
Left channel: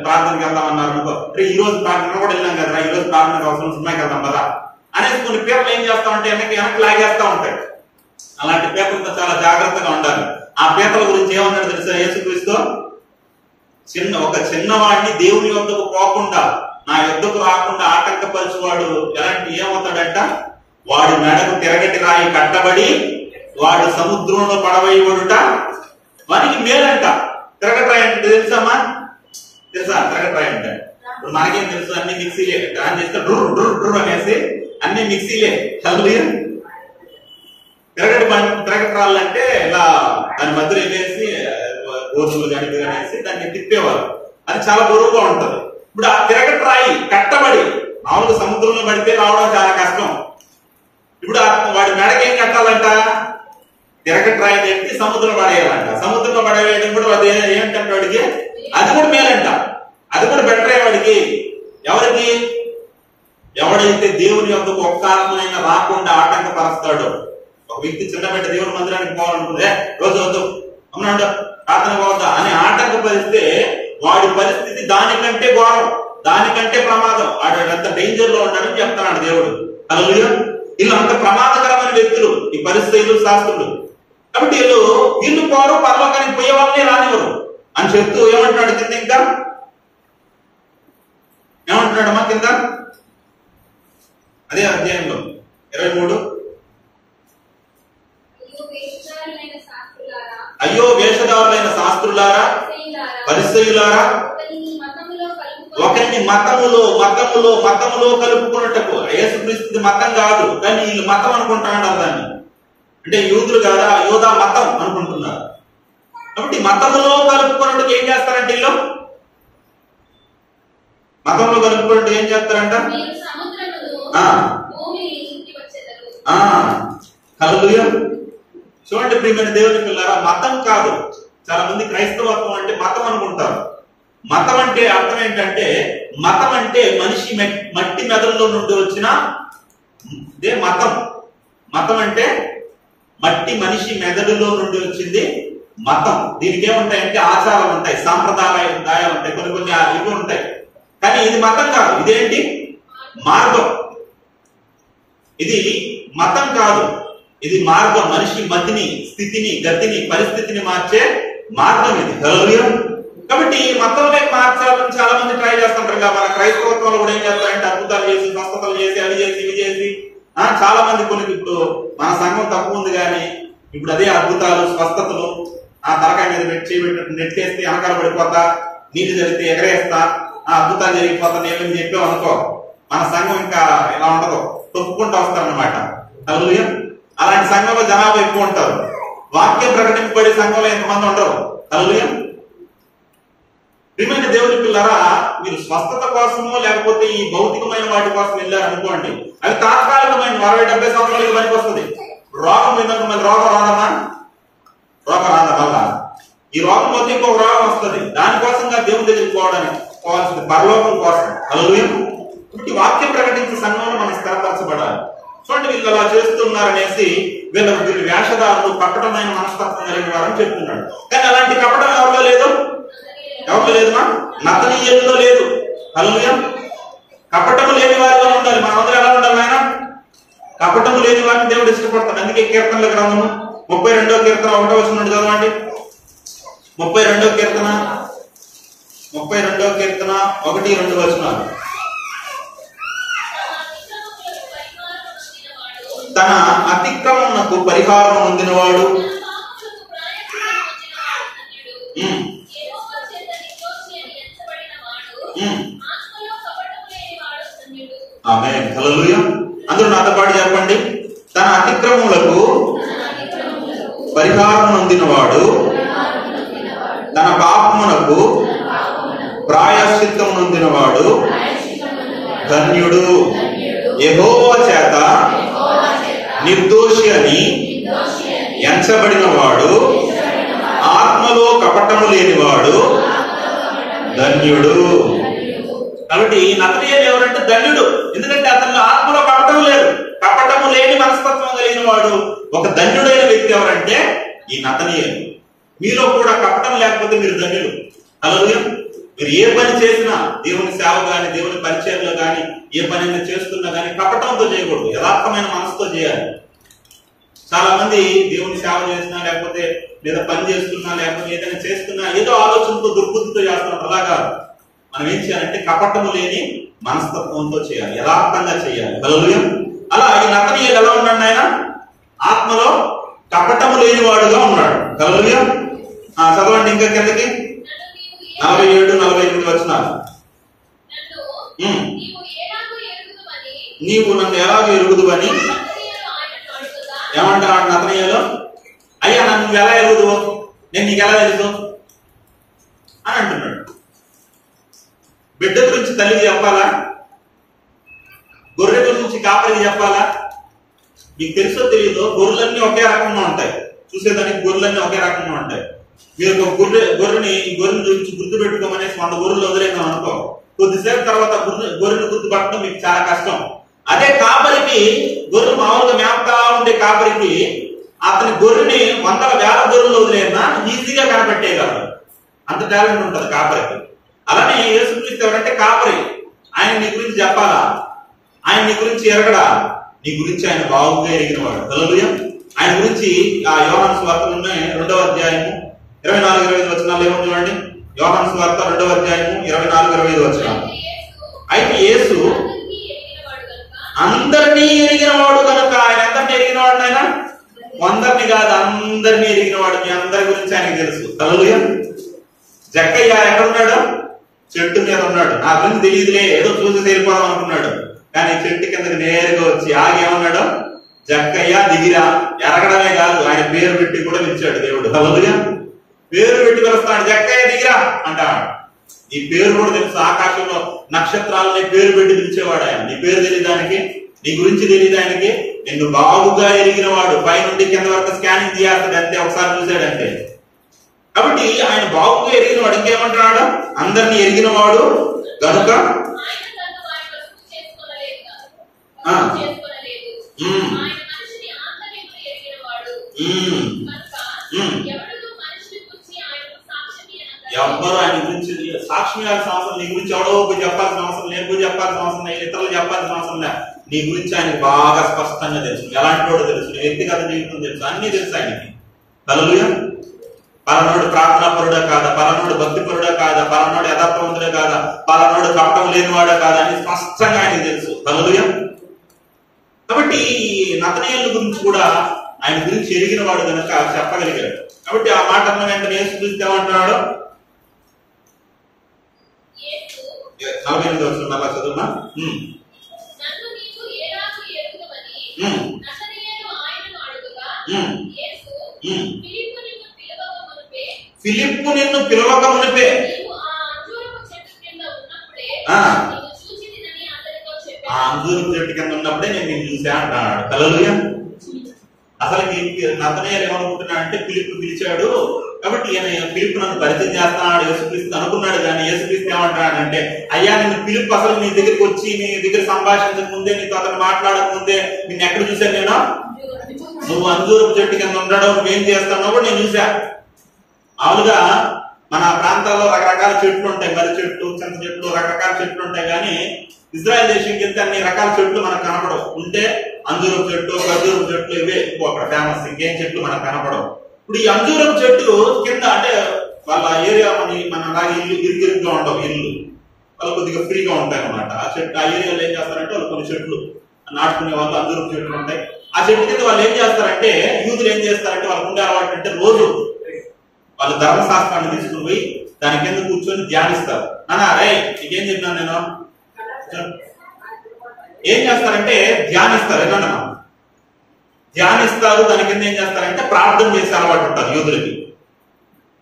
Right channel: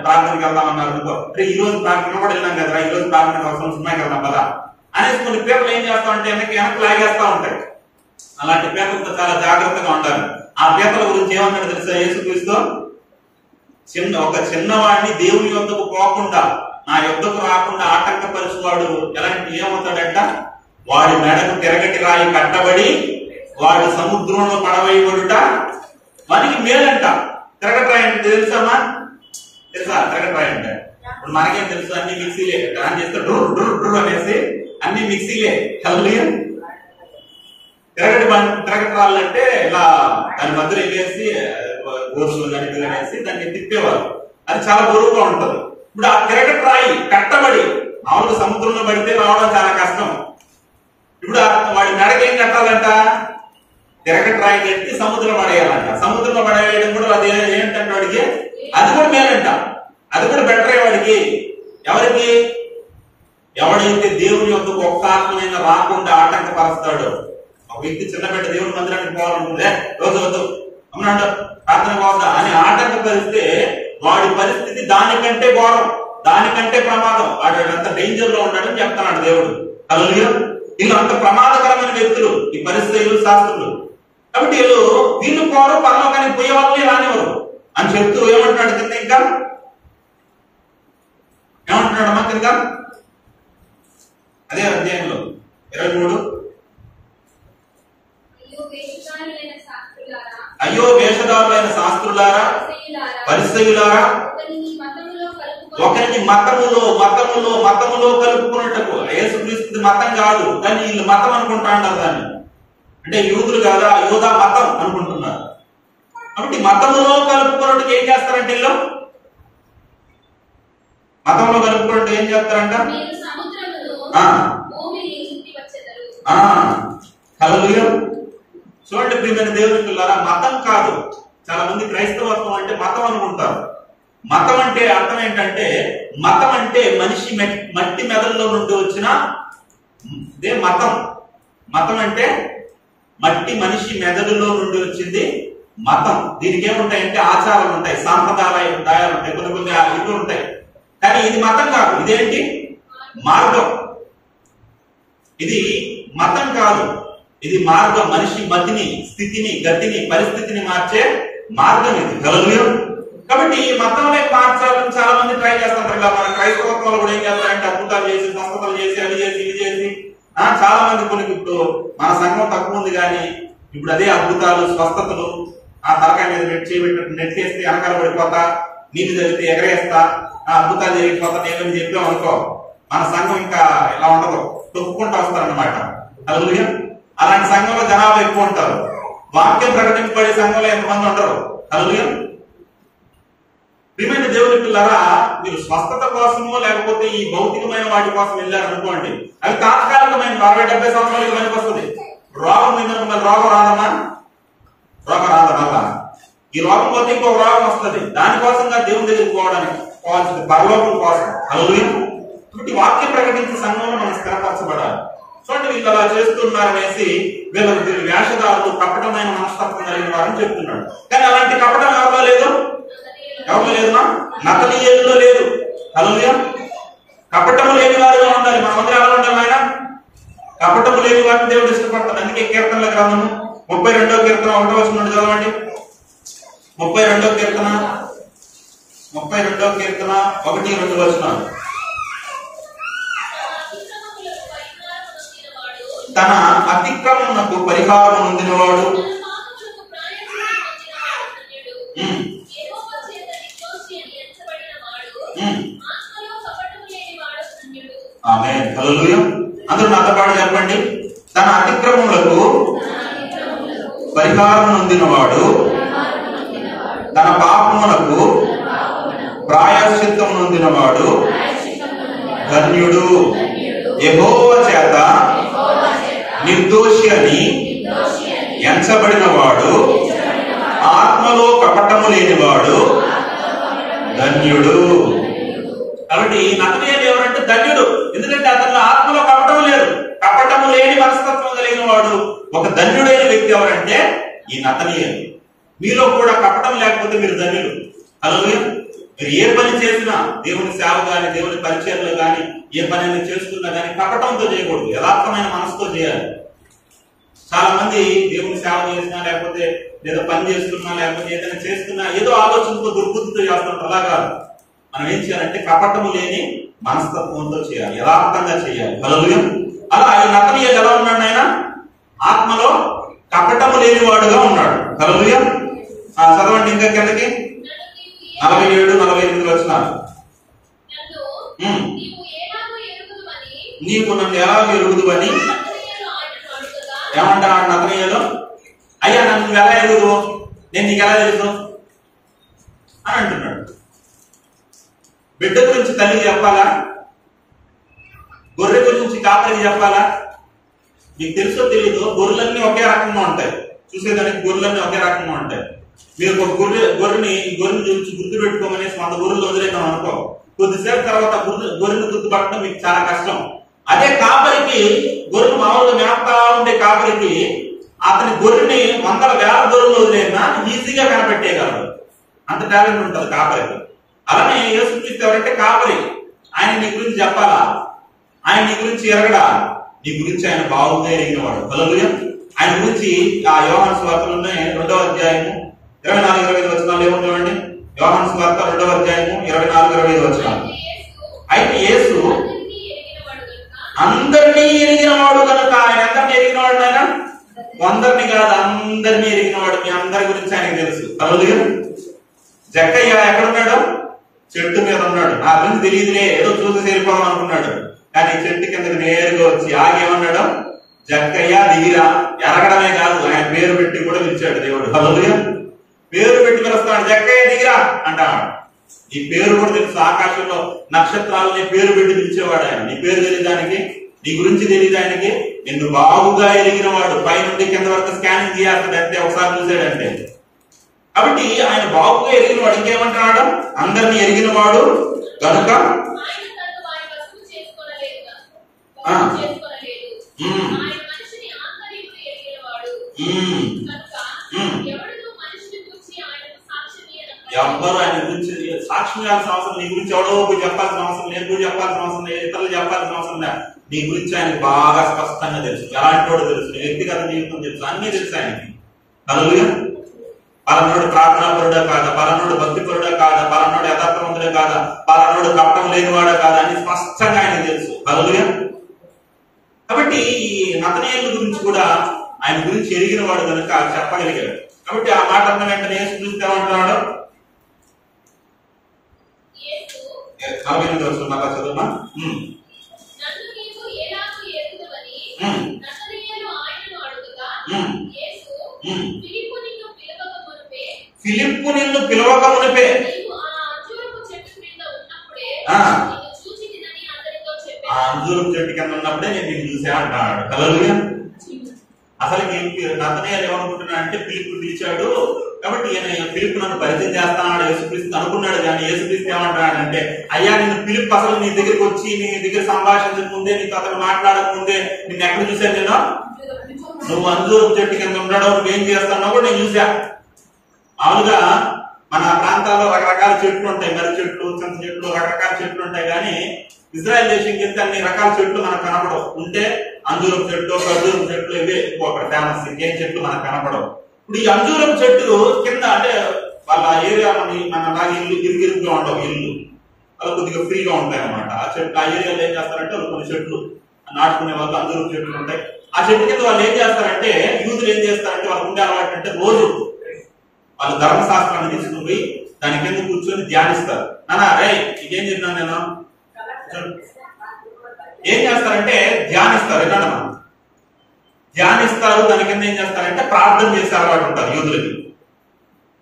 ప్రార్థనకి వెళ్దామన్నారు అనుకో, ఈ రోజు ప్రార్థన కూడా వెళ్ళాం కదరా, ఈ రోజు ప్రార్థనకు అవసరం సినిమాకి వెళ్దాం కదా అనేసి కొన్ని పేర్లు ఏం చేస్తా ఉంటాయి, వెనక్కి లాగేస్తా ఉంటాయి. అలాంటి పేర్లతో చాలా జాగ్రత్తగా ఉండాలి. ఆ పేర్ల గురించి ఏమన్నాడు తెలుసా యేసుక్రీస్తు? ఒక చిన్నవాడిని దేవుని యొద్దకు పోకుండా, నా యొద్దకు రాకుండా ఆటంకపరచువాడు ఏమవుతాడంట? వాడి మెడకు తిరగటి రాయి కట్టబడి వాడు సముద్రంలో పడవేయబడుట వానికి మేలంట. తిరగటి రాయి అంటే తెలుసమ్మా? తెలుసా తిరగటి రాయి అంటే? ఇప్పుడు మనకేం తెలుసు, అన్ని మిక్సీలే. దాన్ని చేస్తే డ్రూర్ డ్రూర్ డ్రూర్ అనేసి అన్ని మిక్సీలే. తిరగటి రాళ్ళంటే ఇలా దాని మధ్యలో వేసి గోధుమలు కానీ వేసి దాన్ని తిప్పేవారు. అది చాలా బరువుగా ఉంటది. ఇప్పుడు ఆ తిరగటి రాయి కట్టబడి మామూలుగా సముద్రంలో పడితే రావడం చాలా కష్టం. ఇప్పుడు వాడి మెడకి ఏం కట్టాలంట? తిరగటి రాయి కట్టి సముద్రంలో పడేయాలంట. సముద్రంలో పడేయడం కూడా అది ఏంటంటే వాడికి అది కూడా మేలంట, అది కూడా బెటర్ వాడికి. ఎవరికి? ఎవడైతే దేవుని యొద్దకు ఒక్క ఆత్మనైనా రాకుండా ఆటంకపరుస్తాడో. ఒక వ్యక్తి చిన్న బిడ్డ దేవుడి మందిరానికి పోవాలనుకుంటే రోజు వద్దు అమ్మనాడు ప్రార్థన పోవద్దా అని ఆటంకపరిస్తే వాడి పరిస్థితి దానికంటే ఘోరం, దానికంటే ప్రమాదం. వాడు అంత డేంజర్ లో ఉన్నాడని చెప్తున్నాడు దేవుడు. హల్లెలూయా. వీళ్ళు అంత ప్రమాదకరమైన వ్యక్తులు ఈ పరిస్థితులు, శాస్త్రులు. కాబట్టి వీళ్ళు పోరు, పరలోకానికి పోయే వాళ్ళని రానివ్వరు అని చెప్తూ ఏమంటున్నాడు కింద? ఇంకా ఏమంటున్నాడు అమ్మా కింద అదే అధ్యాయంలో 23? అయ్యో వేషధారులైన శాస్త్రులారా, పరిసయ్యులారా, ఒకరిని మతములో కలుపుకున్నట్టుకు. యేసుక్రీస్తు మతం కాదు, కానీ వీళ్ళు మతం అనుకుంటున్నారు దాన్ని. అంటే యూదులు కాదా, యోధా మతం అనుకుంటున్నారు. కాబట్టి మతంలో కలుపుకున్నట్టుకు ఏం చేస్తారంటే వీళ్ళు మతంలో కలుపుకున్నట్టు ఏం చేస్తారంట? హల్లెలూయా. చూడండి ప్రియమైన దేవుని పిల్లారా, మతం కాదు. చాలా మంది క్రైస్తవత్వం అంటే మతం అనుకుంటారు. మతం అంటే అర్థం ఏంటంటే, మతం అంటే మనిషి మట్టి మెదడులో నుండి వచ్చిన ఇదే మతం. మతం అంటే మనిషి మెదడులో నుండి వచ్చింది మతం. దీనికి ఏముంటాయంటే ఆచారాలు ఉంటాయి, సాంప్రదాయాలు ఉంటాయి, కొన్ని ఇవి ఉంటాయి. కానీ ఇది మతం కాదు. ఇదేంటి? మార్గం. ఇది మతం కాదు, ఇది మార్గం. మనిషి మతిని, స్థితిని, గతిని, పరిస్థితిని మార్చే మార్గం ఇది. హల్లెలూయా. కాబట్టి మతంలో మార్చాలని చాలా మంది ట్రై చేస్తుంటారు. మన క్రైస్తవత్వంలో కూడా ఏం చేస్తారంటే అద్భుతాలు చేసి, స్వస్థతలు చేసి, అవి చేసి, ఇవి చేసి చాలా మంది కొన్ని. ఇప్పుడు మన సంఘం తక్కువ ఉంది కానీ ఇప్పుడు అదే అద్భుతాలు, స్వస్థతలు ఆ తలకాయ మీద నెట్టేస్తే వెనకాల పడిపోతా, నీళ్ళు జరిగితే ఎగరేస్తా, ఆ అద్భుతాలు జరిగిపోతా నేనేమి చెప్పాం అనుకో, మన సంఘం ఇంకా ఇలా ఉండదు, తొక్కుకుంటూ వస్తారనమాట. హల్లెలూయా. అలాంటి సంఘంలో జనాభా ఎక్కువ ఉంటారు. వాక్యం ప్రకటింపబడే సంఘంలో ఎంతమంది ఉండరు. హల్లెలూయా. ప్రియమైన దేవుని పిల్లరా, మీరు స్వస్థత కోసమో లేకపోతే ఈ భౌతికమైన వాటి కోసం వెళ్ళారు అనుకోండి, అవి తాత్కాలికమైన 60-70 సంవత్సరాలకి పనికి వస్తుంది. రోగం ఏంటంటే రోగం రాదమ్మా, రోగం రాదా? ఈ రోగం పోతే ఇంకొక రోగం వస్తుంది. దానికోసంగా దేవుని దగ్గరికి పోవాల్సింది పరలోకం కోసం. హల్లెలూయా. కాబట్టి వాక్యం ప్రకటించే సంఘంలో మనం స్థిరపరచబడాలి. చూడండి వీళ్ళు అలా చేస్తున్నారనేసి వీళ్ళు వేషధారులు, కపటమైన మనస్తత్వం కలిగిన వారని చెప్తున్నాడు. కానీ అలాంటి కపటం ఎవరిలో లేదు, ఎవరిలో లేదుమా? నతనీయుల్లో లేదు. హల్లెలూయా. కపటము లేని వారిలో ఉండాలి. మనమందరం ఎలా ఉండాలి ఆయన? కపటము లేని వారిని దేవుడు ఇష్టపడతాడు. అందుకే కీర్తనల గ్రంథము 32వ కీర్తన 1వ వచనం చదవండి. 32వ కీర్తన 1-2 వచనాలు. తన అతిక్రమమునకు పరిహారం పొందినవాడు, ఆమేన్. హల్లెలూయా. అందరూ నాతో పాటు చెప్పండి. తన అతిక్రమములకు పరిహారం పొందినవాడు, తన పాపములకు ప్రాయశ్చిత్తం పొందినవాడు ధన్యుడు. యెహోవా చేత నిర్దోషి అని ఎంచబడిన వాడు, ఆత్మలో కపటము లేనివాడు ధన్యుడు. కాబట్టి నతనీయుడు ఎవరంటే ధన్యుడు. ఎందుకంటే అతను ఆత్మలో కపటం లేదు, కపటము లేని మనస్తత్వం కలిగిన వాడు. ఒక ధన్యుడైన వ్యక్తి ఎవరంటే ఈ నతనీయులు. మీలో కూడా కపటం లేకపోతే మీరు ధన్యులు. హల్లెలూయా. మీరు ఏ పని చేసినా, దేవుని సేవ కానీ, దేవుని పరిచయంలో కానీ, ఏ పని అయినా చేస్తున్నా కానీ కపటంతో చేయకూడదు, యథార్థమైన మనసుతో చేయాలి. చాలా మంది దేవుని సేవ చేసినా, లేకపోతే లేదా పని చేస్తున్నా, లేకపోతే ఏదైనా చేస్తున్నా ఏదో ఆలోచనతో దుర్బుద్ధితో చేస్తున్నారు. అలా కాదు. మనం ఏం చేయాలంటే కపటము లేని మనస్తత్వంతో చేయాలి, యథార్థంగా చేయాలి. హల్లెలూయా. అలా ఈ నతనీయులు ఎలా ఉన్నాడు? ఆయన ఆత్మలో కపటము లేనివాడుగా ఉన్నాడు. హల్లెలూయా. చదవండి ఇంకా కిందకి 47-48 వచనాలు. నీవు నన్ను ఎలా ఎరుగుదువని ఏమంటాడు నతనీయులు? అయ్యా నన్ను నువ్వు ఎలా ఎరుగుదువు, నేను నీకు ఎలా తెలుసు అని అంటున్నాడు. బిడ్డ గురించి తల్లికి చెప్పాలా? గొర్రె గురించి కాపరికి చెప్పాలా? మీకు తెలుసో తెలీదు, గొర్రెలన్నీ ఒకే రకంగా ఉంటాయి. చూసేదానికి గొర్రెలన్నీ ఒకే రకంగా ఉంటాయి. మీరు ఒక గొర్రెని చూపించి గుర్తు పెట్టుకోమనేసి 100 గొర్రెలు వదిలేదాం అనుకో, కొద్దిసేపు తర్వాత గొర్రెని గుర్తుపట్టడం మీకు చాలా కష్టం. అదే కాపరికి, గొర్రెలు మామూలుగా మేపుతా ఉండే కాపరికి అతని గొర్రెని 100,000 గొర్రెలు వదిలేనా ఈజీగా కనిపెట్టేయగలరు. అంత టాలెంట్ ఉంటుంది కాపరికి. అలానే యేసుక్రీస్తు ఎవరంటే కాపరి. ఆయన నీ గురించి చెప్పాలా? ఆయన నీ గురించి ఎరగడా? నీ గురించి ఆయన బాగుగా ఎరిగినవాడు. హల్లెలూయా. ఆయన గురించి ఆ యోహాను సువార్తలోనే 2వ అధ్యాయము 24-25 వచనాలు ఏముంది చూడండి. యోహాను సువార్త 2వ అధ్యాయము 24-25 వచనాలు. అయితే యేసు అందరినీ ఎరిగినవాడు కనుక, ఆయన అందరినీ ఎరిగినవాడు. ఆయన అందరినీ కాదు, అందరినీ ఎరిగినవాడు. మీ అందరి గురించి ఆయనకు తెలుసు. హల్లెలూయా. జక్కయ్య ఎక్కడున్నాడు? చెట్టు మీద ఉన్నాడు. నా గురించి తెలియదులే, ఏదో చూసి చేరిపోదాం అనుకున్నాడు. కానీ చెట్టు కిందకి నేరుగా వచ్చి ఆగేమన్నాడు? జక్కయ్య దిగిరా. ఎరగడమే కాదు, ఆయన పేరు పెట్టి కూడా పిలిచాడు దేవుడు. హల్లెలూయా. పేరు పెట్టి పిలుస్తాడు, జక్కయ్య దిగిరా అంటాడు. నీ పేరు కూడా తెలుసు. ఆకాశంలో నక్షత్రాలని పేరు పెట్టి పిలిచేవాడు ఆయన. నీ పేరు తెలియదానికి, నీ గురించి తెలియదు ఆయనకి. నిన్ను బాగుగా ఎరిగినవాడు. పైనుండి కింద వరకు స్కానింగ్ చేస్తాడు అంతే, ఒకసారి చూశాడంటే. కాబట్టి ఆయన బాగుగా ఎరిగినవాడు. ఇంకేమంటున్నాడు? అందరినీ ఎరిగినవాడు కనుక ఎవ్వరు ఆయన గురించి సాక్ష్యం ఇవ్వాల్సిన అవసరం, నీ గురించి ఎవడో చెప్పాల్సిన అవసరం, నేను చెప్పాల్సిన అవసరం లేదు, ఇతరులు చెప్పాల్సిన అవసరం లేదు. నీ గురించి ఆయనకు బాగా స్పష్టంగా తెలుసు. ఎలాంటి వాడు తెలుసు, నీ వ్యక్తిగత జీవితం తెలుసు, అన్ని తెలుసు ఆయనకి. హల్లెలూయా. పలనోడు ప్రార్థనాపరుడా కాదా, పలనోడు భక్తిపరుడా కాదా, పలనోడు యథార్థవంతుడే కాదా, పలనోడు కపటం లేనివాడా కాదా అని స్పష్టంగా ఆయనకు తెలుసు. హల్లెలూయా. కాబట్టి ఈ నతనీయుల గురించి కూడా ఆయన గురించి ఎరిగిన వాడు కనుక చెప్పగలిగాడు. కాబట్టి ఆ మాట అన్న వెంటనే యేసుక్రీస్తు ఏమంటున్నాడు? 48 వచనం చదువునా. ఫిలిప్పు నిన్ను పిలవక మునిపే ఆ అంజూరపు చెట్టు కింద ఉన్నప్పుడే నేను నిన్ను చూసా అంటాడు. హల్లెలూయా. అసలు నతనీయులు ఏమనుకుంటున్నాడు అంటే ఫిలిప్పు పిలిచాడు కాబట్టి ఫిలిప్పు నన్ను పరిచయం చేస్తాడు యేసుక్రీస్తు అనుకున్నాడు. కానీ యేసుక్రీస్తు ఏమంటున్నాడంటే, అయ్యా నిన్ను ఫిలిప్పు అసలు నీ దగ్గరికి వచ్చి నీ దగ్గర సంభాషించక ముందే, నీకు అతను మాట్లాడక ముందే నిన్ను ఎక్కడ చూశాను నేను? నువ్వు అంజూరపు చెట్టు కింద ఉండడం, నువ్వేం చేస్తానో కూడా నేను చూసా. మామూలుగా మన ప్రాంతాల్లో రకరకాల చెట్లు ఉంటాయి, మర్రి చెట్లు, చింత చెట్లు, రకరకాల చెట్లు ఉంటాయి. కానీ ఇజ్రాయెల్ దేశం కింద అన్ని రకాల చెట్లు మనకు కనపడవు. ఉంటే అంజూరపు చెట్లు, ఖర్జూరపు చెట్లు ఇవే అక్కడ ఫేమస్. ఇంకేం చెట్లు మనకు కనపడవు. ఇప్పుడు ఈ అంజూరపు చెట్టు కింద అంటే వాళ్ళ ఏరియా మన అలాగే ఇరుగిరుగ్గా ఉండవు ఇల్లు, వాళ్ళు కొద్దిగా ఫ్రీగా ఉంటాయి అన్నమాట. ఆ చెట్టు ఆ ఏరియాలో ఏం చేస్తారంటే వాళ్ళు కొన్ని చెట్లు నాటుకునే వాళ్ళు అంజూరపు చెట్లు ఉంటాయి. ఆ చెట్టు కింద వాళ్ళు ఏం చేస్తారంటే, యూదులు ఏం చేస్తారంటే వాళ్ళకు ఉండే అలవాటు అంటే రోజు వాళ్ళు ధర్మశాస్త్రాన్ని తీసుకుని పోయి దాని కింద కూర్చొని ధ్యానిస్తారు. నానా రే నీకేం చెప్పినాను నేను, ఏం చేస్తారంటే ధ్యానిస్తారు. ఎలా ధ్యానిస్తారు, దాని కింద ఏం చేస్తారంటే ప్రార్థన చేసే అలవాటు ఉంటారు యూదులకి.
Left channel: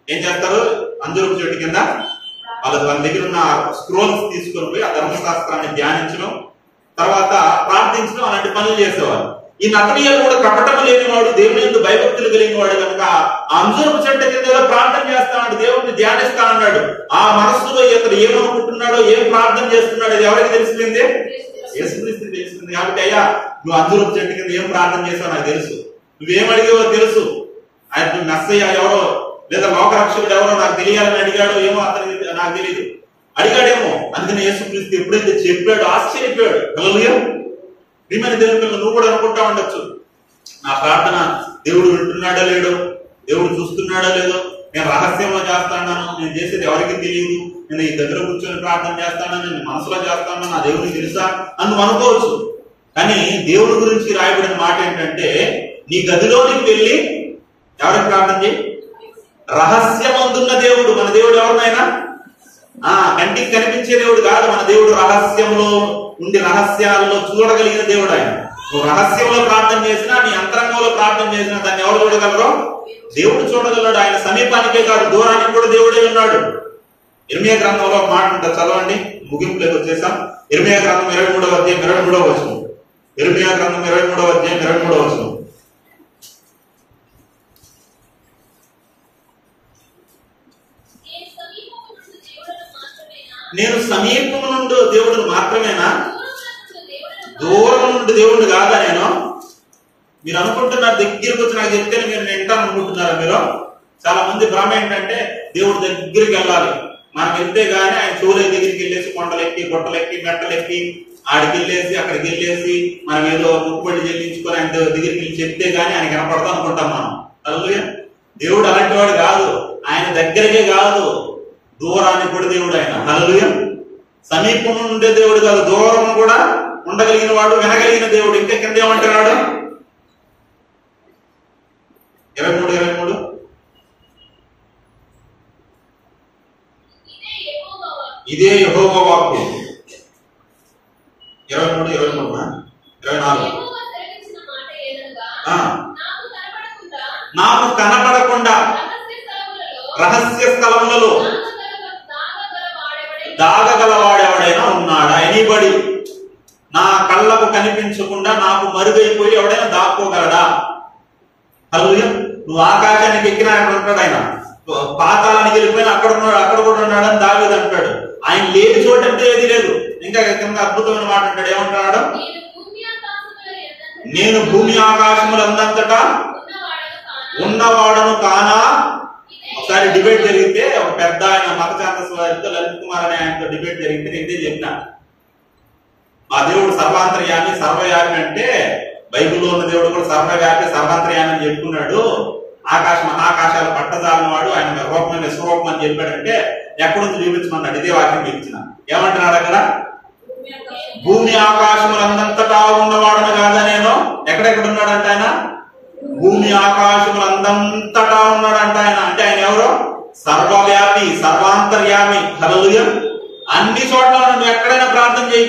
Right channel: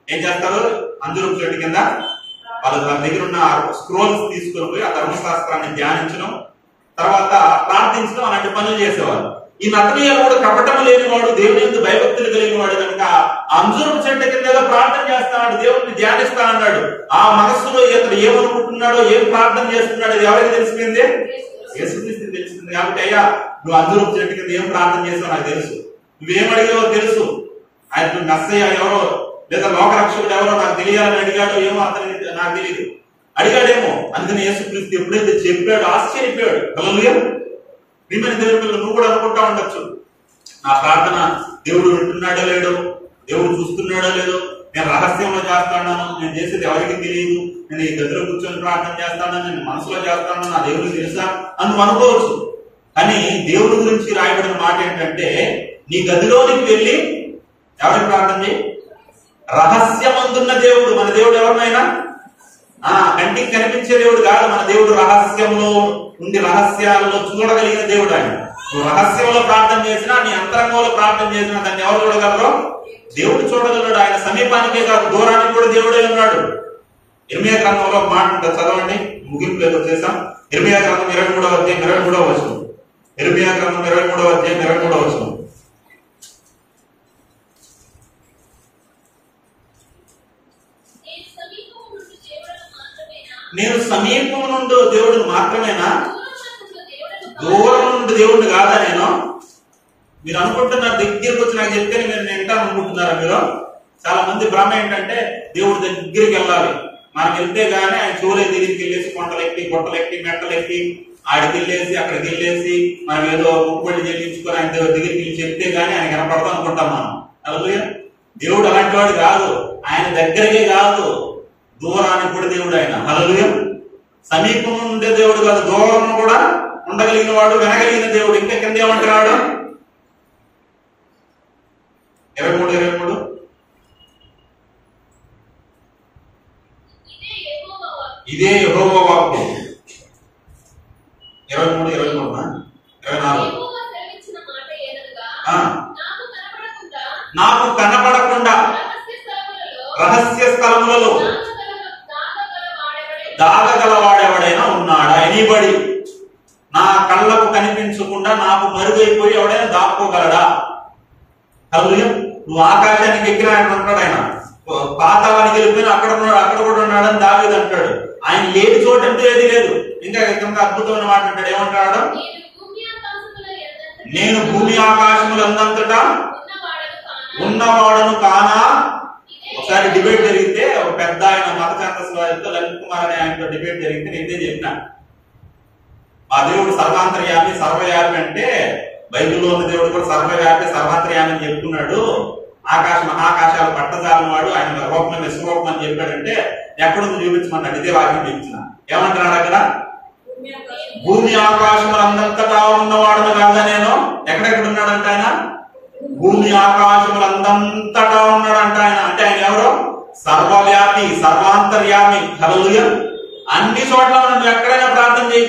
ఏం చేస్తారు? అంజూరపు చెట్టు కింద వాళ్ళు తన దగ్గర ఉన్న స్క్రోల్స్ తీసుకొని పోయి ఆ ధర్మశాస్త్రాన్ని ధ్యానించడం, తర్వాత ప్రార్థించడం, అలాంటి పనులు చేసేవారు. ఈ నతనీయులు కూడా కపటం లేనివాడు, దేవుని యందు భయభక్తులు కలిగిన వాడు కనుక అంజూరపు చెట్టు కింద ఏదో ప్రార్థన చేస్తాడు, దేవుడిని ధ్యానిస్తా అన్నాడు. ఆ మనస్సులో ఇతడు ఏమనుకుంటున్నాడో, ఏం ప్రార్థన చేస్తున్నాడో అది ఎవరికి తెలిసింది? యేసుక్రీస్తుకి తెలిసింది. కాబట్టి అయ్యా నువ్వు అంజూరపు చెట్టు కింద ఏం ప్రార్థన చేస్తావు నాకు తెలుసు, నువ్వేమడిగావో తెలుసు. ఆయన మెస్సయ్య ఎవరో లేదా లోకరక్షకుడు ఎవరో నాకు తెలియాలని అడిగాడో ఏమో అతనికి నాకు తెలియదు, అడిగాడేమో. అందుకని యేసుక్రీస్తు ఎప్పుడైతే చెప్పాడో ఆశ్చర్యపోయాడు. హల్లెలూయా. ప్రియమైన దేవుని పిల్లలు, నువ్వు కూడా అనుకుంటా ఉండొచ్చు, నా ప్రార్థన దేవుడు వింటున్నాడో లేడో, దేవుడు చూస్తున్నాడో లేదో, నేను రహస్యంలో చేస్తాను, నేను చేసేది ఎవరికి తెలియదు, నేను ఈ గదిలో కూర్చొని ప్రార్థన చేస్తాను, నేను మనసులో చేస్తాను, నా దేవుడికి తెలుసా అని నువ్వు అనుకోవచ్చు. కానీ దేవుడి గురించి రాయబడిన మాట ఏంటంటే, నీ గదిలోనికి వెళ్ళి ఎవరికి ప్రార్థన చేయి? రహస్యమందున్న దేవుడు. మన దేవుడు ఎవరినైనా కంటికి కనిపించే దేవుడు కాదు. మన దేవుడు రహస్యంలో ఉండి రహస్యాలలో చూడగలిగిన దేవుడు. ఆయన నువ్వు రహస్యంలో ప్రార్థన చేసినా, నీ అంతరంగంలో ప్రార్థన చేసినా దాన్ని ఎవరు చూడగలరో? దేవుడు చూడగలడు. ఆయన సమీపానికే కాదు, దూరానికి కూడా దేవుడే ఉన్నాడు. ఇర్మియా గ్రంథంలో ఒక మాట ఉంటుంది, చదవండి. ముగింపులోకి వచ్చేసాం. ఇర్మియా గ్రంథం 23వ అధ్యాయం 23వ వచనం. ఇర్మియా గ్రంథం 23వ అధ్యాయం 23వ వచనం. నేను సమీపం నుండి దేవుడు మాత్రమేనా, దూరం నుండి దేవుడు కాదా నేను? మీరు అనుకుంటున్నారు దగ్గరికి వచ్చి నాకు చెప్తేనే మీరు నేను వింటాను అనుకుంటున్నారా? మీరు చాలా మంది భ్రమ ఏంటంటే దేవుడు దగ్గరికి వెళ్ళాలి, మనకి వెళ్తే గానీ ఆయన సూర్య దగ్గరికి వెళ్ళేసి కొండలెక్కి గుట్టలెక్కి మెట్టలెక్కి ఆడికి వెళ్ళేసి అక్కడికి వెళ్ళేసి మనం ఏదో ముక్కుబడి చెల్లించుకొని ఆయన దగ్గరికి వెళ్ళి చెప్తే గానీ ఆయన కనపడతాం అనుకుంటాం మనం. హల్లెలూయా. దేవుడు అలాంటి వాడు కాదు. ఆయన దగ్గరికే కాదు, దూరానికి కూడా దేవుడు ఆయన. హల్లెలూయా. సమీపం ఉండే దేవుడు కాదు, దూరం కూడా ఉండగలిగిన వాడు, వినగలిగిన దేవుడు. ఇంకా కింద ఏమంటున్నాడు? 23 ఇదే యెహోవా వాక్కు. 23 24 నాకు కనపడకుండా రహస్య స్థలములలో దాగగలవాడెవడైనా ఉన్నాడా? ఎనీబడి. నా కళ్ళకు కనిపించకుండా నాకు మరుగైపోయి ఎవడైనా దాక్కోగలడా? హల్లెలూయా. నువ్వు ఆకాశానికి ఎక్కినా అక్కడ ఉంటాడు ఆయన, పాతాళానికి వెళ్ళిపోయినా అక్కడ ఉన్నాడు, అక్కడ కూడా ఉన్నాడని దావీదు అంటాడు. ఆయన లేని చోటు అంటే ఏది లేదు. ఇంకా కింద అద్భుతమైన మాట అంటాడు, ఏమంటాడు? నేను భూమి ఆకాశములందంతటా ఉన్నవాడను కానా? ఒకసారి డిబేట్ జరిగితే ఒక పెద్ద ఆయన మత ఛాందస్వామితో లలిత్ కుమార్ అనే ఆయనతో డిబేట్ జరిగితే నేను ఇదే చెప్పిన, మా దేవుడు సర్వాంతర్యామి సర్వవ్యాపి అంటే బైబిల్లో ఉన్న దేవుడు కూడా సర్వవ్యాపి సర్వాంతర్యామి అని చెప్పుకున్నాడు. ఆకాశ మహాకాశాలు పట్టజాలని వాడు, ఆయన రూపం విశ్వరూపం అని చెప్పాడంటే ఎక్కడుంది చూపించమన్నాడు. ఇదే వాక్యం చూపించిన. ఏమంటున్నాడు అక్కడ? భూమి ఆకాశములందంతటా ఉన్నవాడను కాదా నేను? ఎక్కడెక్కడ ఉన్నాడంట ఆయన? భూమి ఆకాశములందంతటా ఉన్నాడంట ఆయన. అంటే ఆయన ఎవరు? సర్వవ్యాపి సర్వాంతర్యామి. హల్లెలూయా. అన్ని చోట్ల నువ్వు ఎక్కడైనా ప్రార్థన చేయి,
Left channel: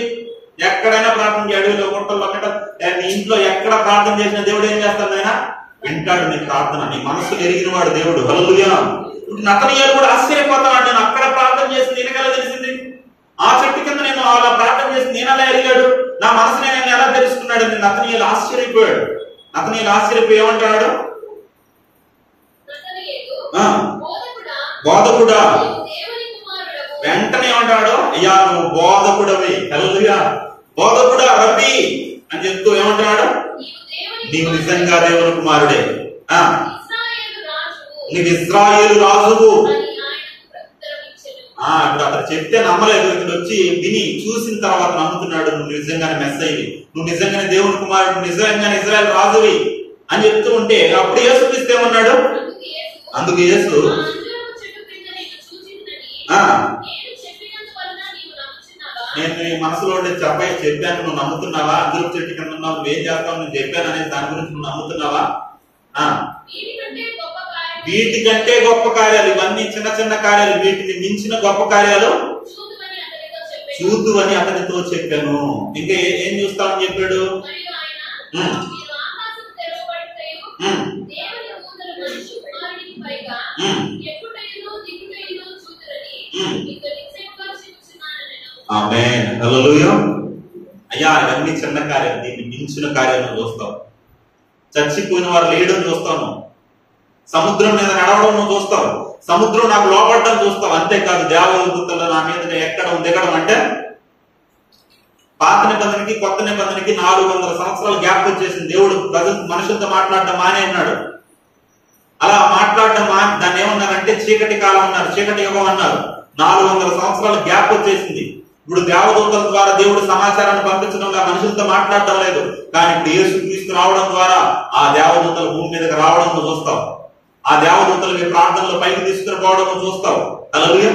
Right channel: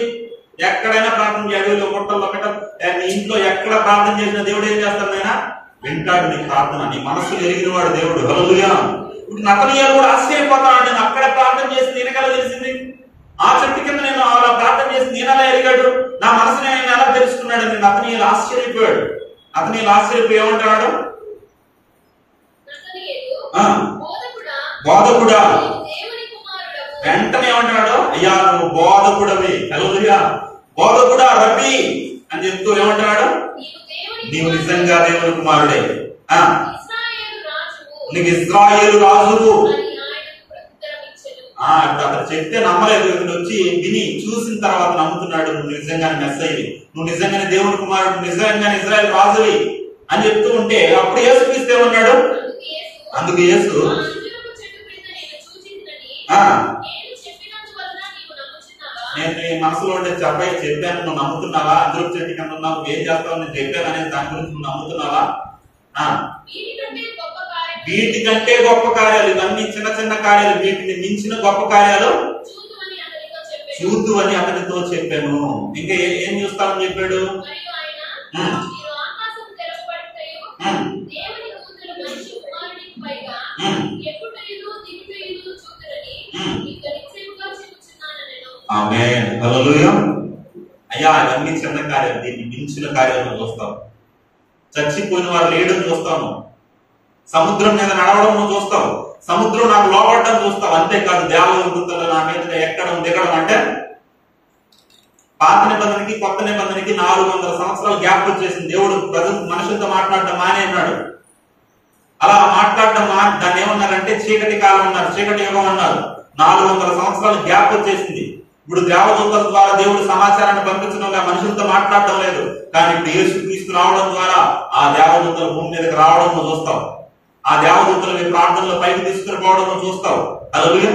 ఎక్కడైనా ప్రార్థన చేయి. అడవిలో గుట్టల్లో నీ ఇంట్లో ఎక్కడ ప్రార్థన చేసిన దేవుడు ఏం చేస్తాడు? ఆయన వింటాడు నీ ప్రార్థన. నీ మనస్సు ఎరిగిన వాడు దేవుడు. హల్లెలూయా. ఇప్పుడు నతనీయాలు కూడా ఆశ్చర్యపోతాడు. నేను అక్కడ ప్రార్థన చేసి నేనెలా తెలిసింది? ఆ చెట్టు కింద నేను అలా ప్రార్థన చేసి నేనెలా ఎరిగాడు? నా మనసుని ఆయన ఎలా తెలుసుకున్నాడు? నేను నతనీయాలు ఆశ్చర్యపోయాడు. నతనీయాలు ఆశ్చర్యపోయి ఏమంటాడు? బోధకుడా. వెంటనే ఏమంటాడు? అయ్యా నువ్వు బోధకుడవి. హల్లెలూయా. బోధకుడా, రబ్బీ అని చెప్తూ ఏమంటున్నాడు? నీవు నిజంగా దేవుని కుమారుడే, నీవు ఇశ్రాయేలు రాజువు. అతను చెప్తే నమ్మలేదు. ఇతను వచ్చి విని చూసిన తర్వాత నమ్ముతున్నాడు. నువ్వు నిజంగానే మెస్సయ్యవి, నువ్వు నిజంగానే దేవుని కుమారుడు, నిజంగానే ఇశ్రాయేలు రాజువి అని చెప్తూ ఉంటే అప్పుడు యేసుక్రీస్తు ఏమన్నాడు? అందుకు యేసు నేను నీ మనసులో ఉండే చెప్పాను, నువ్వు నమ్ముతున్నావా? అందులో చెట్టు కింద ఉన్నావు, నువ్వేం చేస్తావు నేను చెప్పాను అనేది దాని గురించి నువ్వు నమ్ముతున్నావా? వీటికంటే గొప్ప కార్యాలు, ఇవన్నీ చిన్న చిన్న కార్యాలు, వీటిని మించిన గొప్ప కార్యాలు చూద్దు అని అతనితో చెప్పాను. ఇంకా ఏం చూస్తామని చెప్పాడు? ఆమేన్. హల్లెలూయా. అయ్యా ఇవన్నీ చిన్న కార్యాలు, దీన్ని మించిన కార్యాలను చూస్తావు. చచ్చిపోయిన వారు లేయడం చూస్తాను, సముద్రం మీద నడవడం చూస్తావు, సముద్రం నాకు లోపడడం చూస్తావు. అంతేకాదు దేవదూతలు నా మీదగా ఎక్కడం దిగడం అంటే పాత నిబంధనకి కొత్త నిబంధనకి 400 సంవత్సరాలు గ్యాప్ వచ్చేసింది. దేవుడు మనుషులతో మాట్లాడడం మానే అన్నాడు. అలా మాట్లాడడం దాన్ని ఏమన్నారంటే చీకటి కాలం అన్నారు, చీకటి యుగం అన్నారు. 400 సంవత్సరాలు గ్యాప్ వచ్చేసింది. ఇప్పుడు దేవదూతల ద్వారా దేవుడు సమాచారాన్ని పంపించడంలో మనుషులతో మాట్లాడడం లేదు. కానీ ఇప్పుడు యేసుక్రీస్తు రావడం ద్వారా ఆ దేవదూతలు భూమి మీదకి రావడం నువ్వు చూస్తావు. ఆ దేవదూతలు ప్రార్థనలో పైకి తీసుకుని పోవడం నువ్వు చూస్తావు. హల్లెలూయా.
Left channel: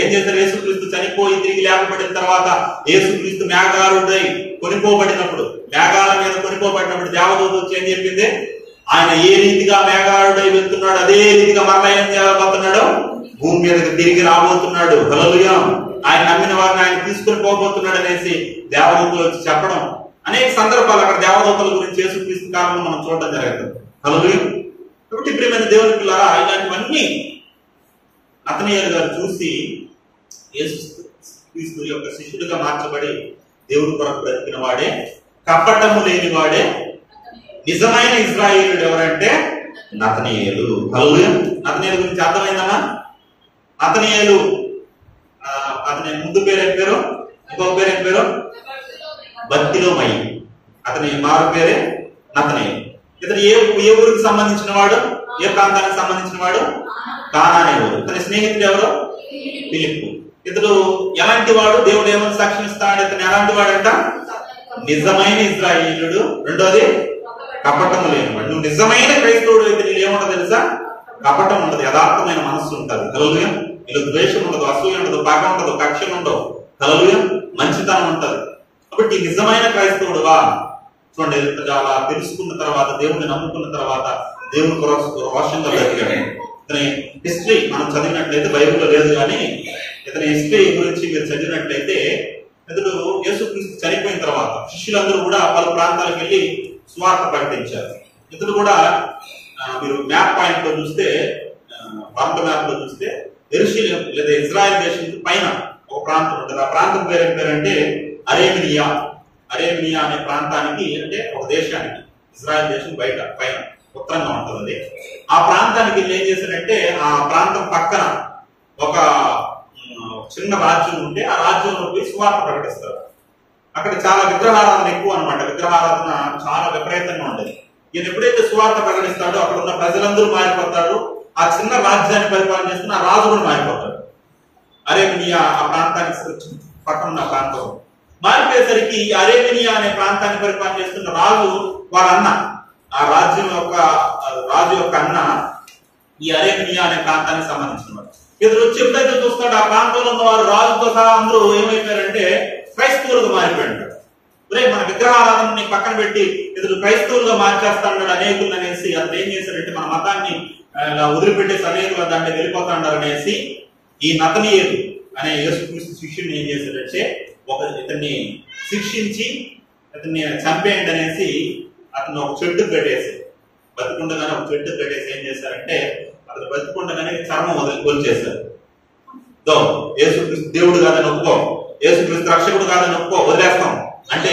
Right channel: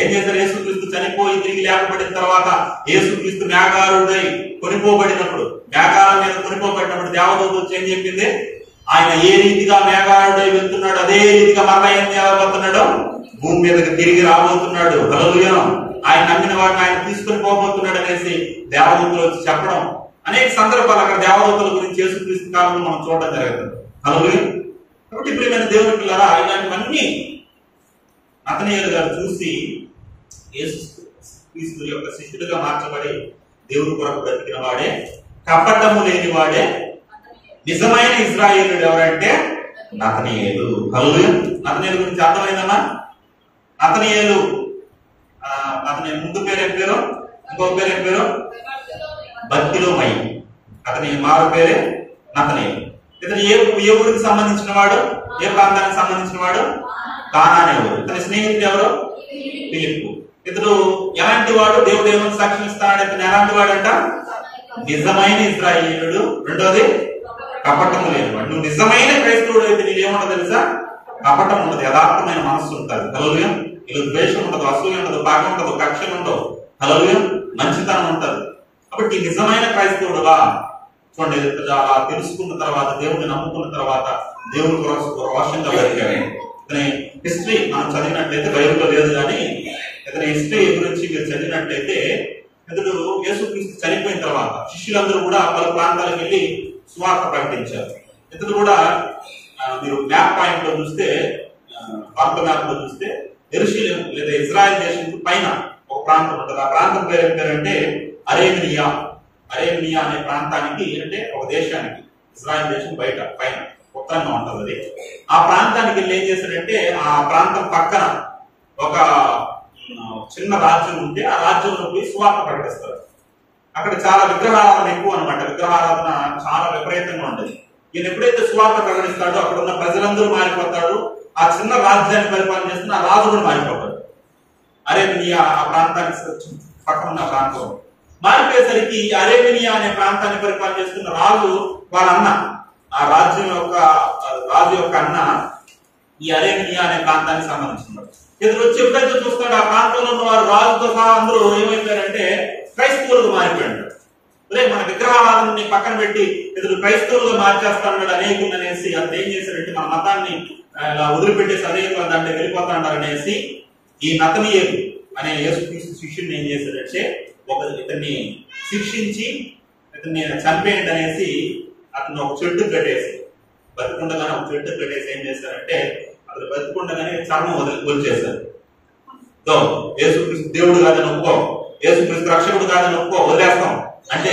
ఏం చేశారు? యేసుక్రీస్తు చనిపోయి తిరిగి లేపబడిన తర్వాత యేసుక్రీస్తు మేఘారుడై కొనిపోబడినప్పుడు, మేఘాల మీద కొనిపోబడినప్పుడు దేవదూత వచ్చి ఏం చెప్పింది? ఆయన ఏ రీతిగా మేఘారుడై వెళ్తున్నాడు అదే రీతిగా మరలా ఏం చేయబోతున్నాడు? భూమి మీదకి తిరిగి రాబోతున్నాడు. హల్లెలూయా. ఆయన నమ్మిన వారిని ఆయన తీసుకుని పోబోతున్నాడు అనేసి దేవదూతలు వచ్చి చెప్పడం అనేక సందర్భాలు అక్కడ దేవదూతల గురించి యేసుక్రీస్తు కాలంలో మనం చూడడం జరుగుతుంది. హల్లెలూయా. కాబట్టి ఇప్పుడు దేవుని పిల్లరా, ఇలాంటివన్నీ నతనయేలు గారు చూసి యేసుక్రీస్తు యొక్క శిష్యుడిగా మార్చబడి దేవుడి కొరకు బ్రతికిన వాడే, కపటము లేని వాడే నిజమైన ఇశ్రాయేలుడు ఎవరంటే నతనయేలు. హల్లెలూయా. నతనయేలు గురించి అర్థమైందమ్మా? నతనయేలు అతని ముందు పేరు ఏం పేరు? ఇంకొక పేరు ఏం పేరు? బర్తిలోమయి. అతని మారు పేరే నతనయేలు. ఇతను ఏ ఊరికి సంబంధించిన వాడు? ఏ ప్రాంతానికి సంబంధించిన వాడు? కానానే ఊరు. ఇతని స్నేహితుడు ఎవరు? ఫిలిప్పు. ఇతడు ఎలాంటి వాడు? దేవుడు ఏమని సాక్ష్యం ఇస్తాడు? ఇతను ఎలాంటి వాడంట? నిజమైన ఇశ్రాయేలుడు. రెండోది కపటము లేనివాడు. నువ్వు నిజమైన క్రైస్తవుడు అయితే నీళ్ళు ఏముండదు తెలుసా? కపటం ఉండదు, యథార్థమైన మనస్సు ఉంటుంది. హల్లెలూయా. నీలో ద్వేషం ఉండదు, అసూయ ఉండదు, పగ ఉండదు, కక్షలు ఉండవు. హల్లెలూయా. మంచితనం ఉంటది. కాబట్టి నిజమైన క్రైస్తవుడుగా చూడండి, అలా తెలుసుకున్న తర్వాత, దేవుడిని నమ్ముకున్న తర్వాత దేవుని రోషంగా బ్రతికాడు. ఇతని హిస్టరీ మనం చదివినట్లయితే, బైబిల్లో లేదు కానీ ఇతని హిస్టరీ గురించి మీరు చదివినట్లయితే, ఇతడు యేసుక్రీస్తు చనిపోయిన తర్వాత శిష్యులందరూ కూడా పలు ప్రాంతాలకు వెళ్ళి సువార్త ప్రకటించారు. ఇతడు కూడా మీరు మ్యాప్ పాయింట్ లో చూస్తే, భారత మ్యాప్ లో చూస్తే యెరూషలేం లేదా ఇజ్రాయెల్ దేశం పైన ఒక ప్రాంతం ఉంటుంది. ఆ ప్రాంతం పేరు ఏం పేరంటే అరేమినియా. అరేమినియా అనే ప్రాంతానికి, అంటే ఒక దేశానికి, ఇజ్రాయెల్ దేశం బయట పైన ఉత్తరంగా ఉంటుంది అది. ఆ ప్రాంతానికి వెళ్ళి ఏం చేశారంటే, ఆ ప్రాంతం పక్కన ఒక చిన్న రాజ్యం ఉంటే ఆ రాజ్యంలో పోయి సువార్త ప్రకటిస్తారు. అక్కడ చాలా విగ్రహారాధన ఎక్కువ అనమాట. విగ్రహారాధన చాలా విపరీతంగా ఉండేది. ఈయన ఎప్పుడైతే సువార్త ప్రకటిస్తాడో అక్కడ ఉన్న ప్రజలందరూ మారిపోతారు. ఆ చిన్న రాజ్యాన్ని పరిపాలన చేస్తున్న ఆ రాజు కూడా మారిపోతాడు. అరేమినియా ఆ ప్రాంతానికి పక్కన ఉన్న ప్రాంతం మారిపోయేసరికి అరేమినియా అనే ప్రాంతాన్ని పరిపాలన చేస్తున్న రాజు వాళ్ళ అన్న, ఆ రాజ్యం యొక్క రాజు యొక్క అన్న ఈ అరేమినియా అనే ప్రాంతానికి సంబంధించిన వాడు. ఇతను వచ్చి ఎప్పుడైతే చూస్తాడు ఆ ప్రాంతంలో ఉన్న వారు రాజుతో సహా అందరూ ఏమైపోయారంటే క్రైస్తవులుగా మారిపోయాడు. మన విగ్రహారాధనని పక్కన పెట్టి ఇతడు క్రైస్తవులుగా మార్చేస్తాడు అనేకులు అనేసి అతను ఏం చేశాడంటే మన మతాన్ని ఇలా వదిలిపెట్టేసి అనేకులు దాంట్లో వెళ్ళిపోతాడు అనేసి ఈ నతనయేలు అనే యేసుక్రీస్తు శిష్యుని ఏం చేశాడంటే ఇతన్ని శిక్షించి ఇతన్ని చంపేయండి అనేసి అతను ఒక చెట్టు కట్టేసి, బతికుండగానే ఒక చెట్టు కట్టేసి ఏం చేశారంటే అతను బతికుండగానే చర్మం వదిలిచేశారు. యేసుక్రీస్తు దేవుడు కాదని ఒప్పుకో, యేసుక్రీస్తు రక్షకుడు కాదని ఒప్పుకో, వదిలేస్తాం అంటే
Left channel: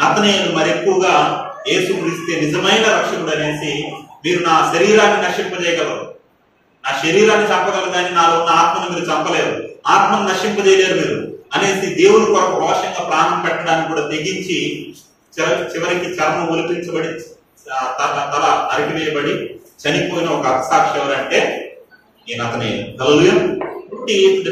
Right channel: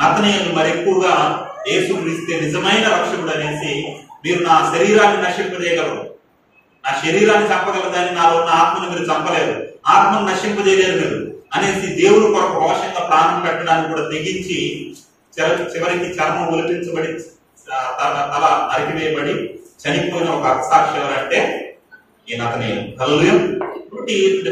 నతనయేలు మరి ఎక్కువగా యేసుక్రీస్తే నిజమైన రక్షకుడు అనేసి, మీరు నా శరీరాన్ని నశింపజేయగలరు, నా శరీరాన్ని చంపగలరు కానీ నాలో ఉన్న ఆత్మను మీరు చంపలేరు, ఆత్మను నశింపజేయలేరు మీరు అనేసి దేవుని కొరకు రోషంగా ప్రాణం పెట్టడానికి కూడా తెగించి చివరికి చర్మం ఒలిపించబడి తల నరికివేయబడి చనిపోయిన ఒక అక్షసాక్షి ఎవరంటే ఈ నతనయేలు. హల్లెలూయా.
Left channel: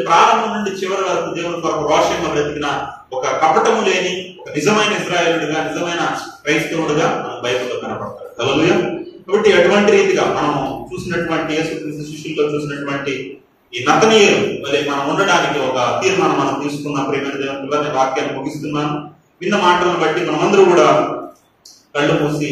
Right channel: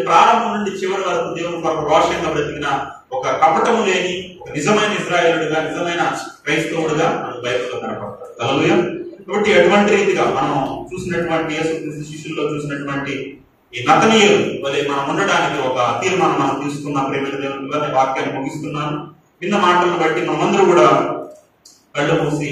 ప్రారంభం నుండి చివరి వరకు దేవుని కొరకు రోషంగా బ్రతికిన ఒక కపటము లేని ఒక నిజమైన ఇశ్రాయేలుడిగా, నిజమైన క్రైస్తవుడుగా మనకు బైబిల్లో కనపడతాడు. హల్లెలూయా. కాబట్టి అటువంటి రీతిగా మనం చూసినటువంటి యేసుక్రీస్తు శిష్యుల్లో చూసినటువంటి ఈ నతనయేలు వలె మనం ఉండడానికి ఒక తీర్మానం మనం తీసుకున్న ప్రియమైన దేవుని పిల్లల వాక్యాన్ని ముగిస్తున్నాను. విన్న మాటలను బట్టి మనమందరూ కూడా కళ్ళు మూసి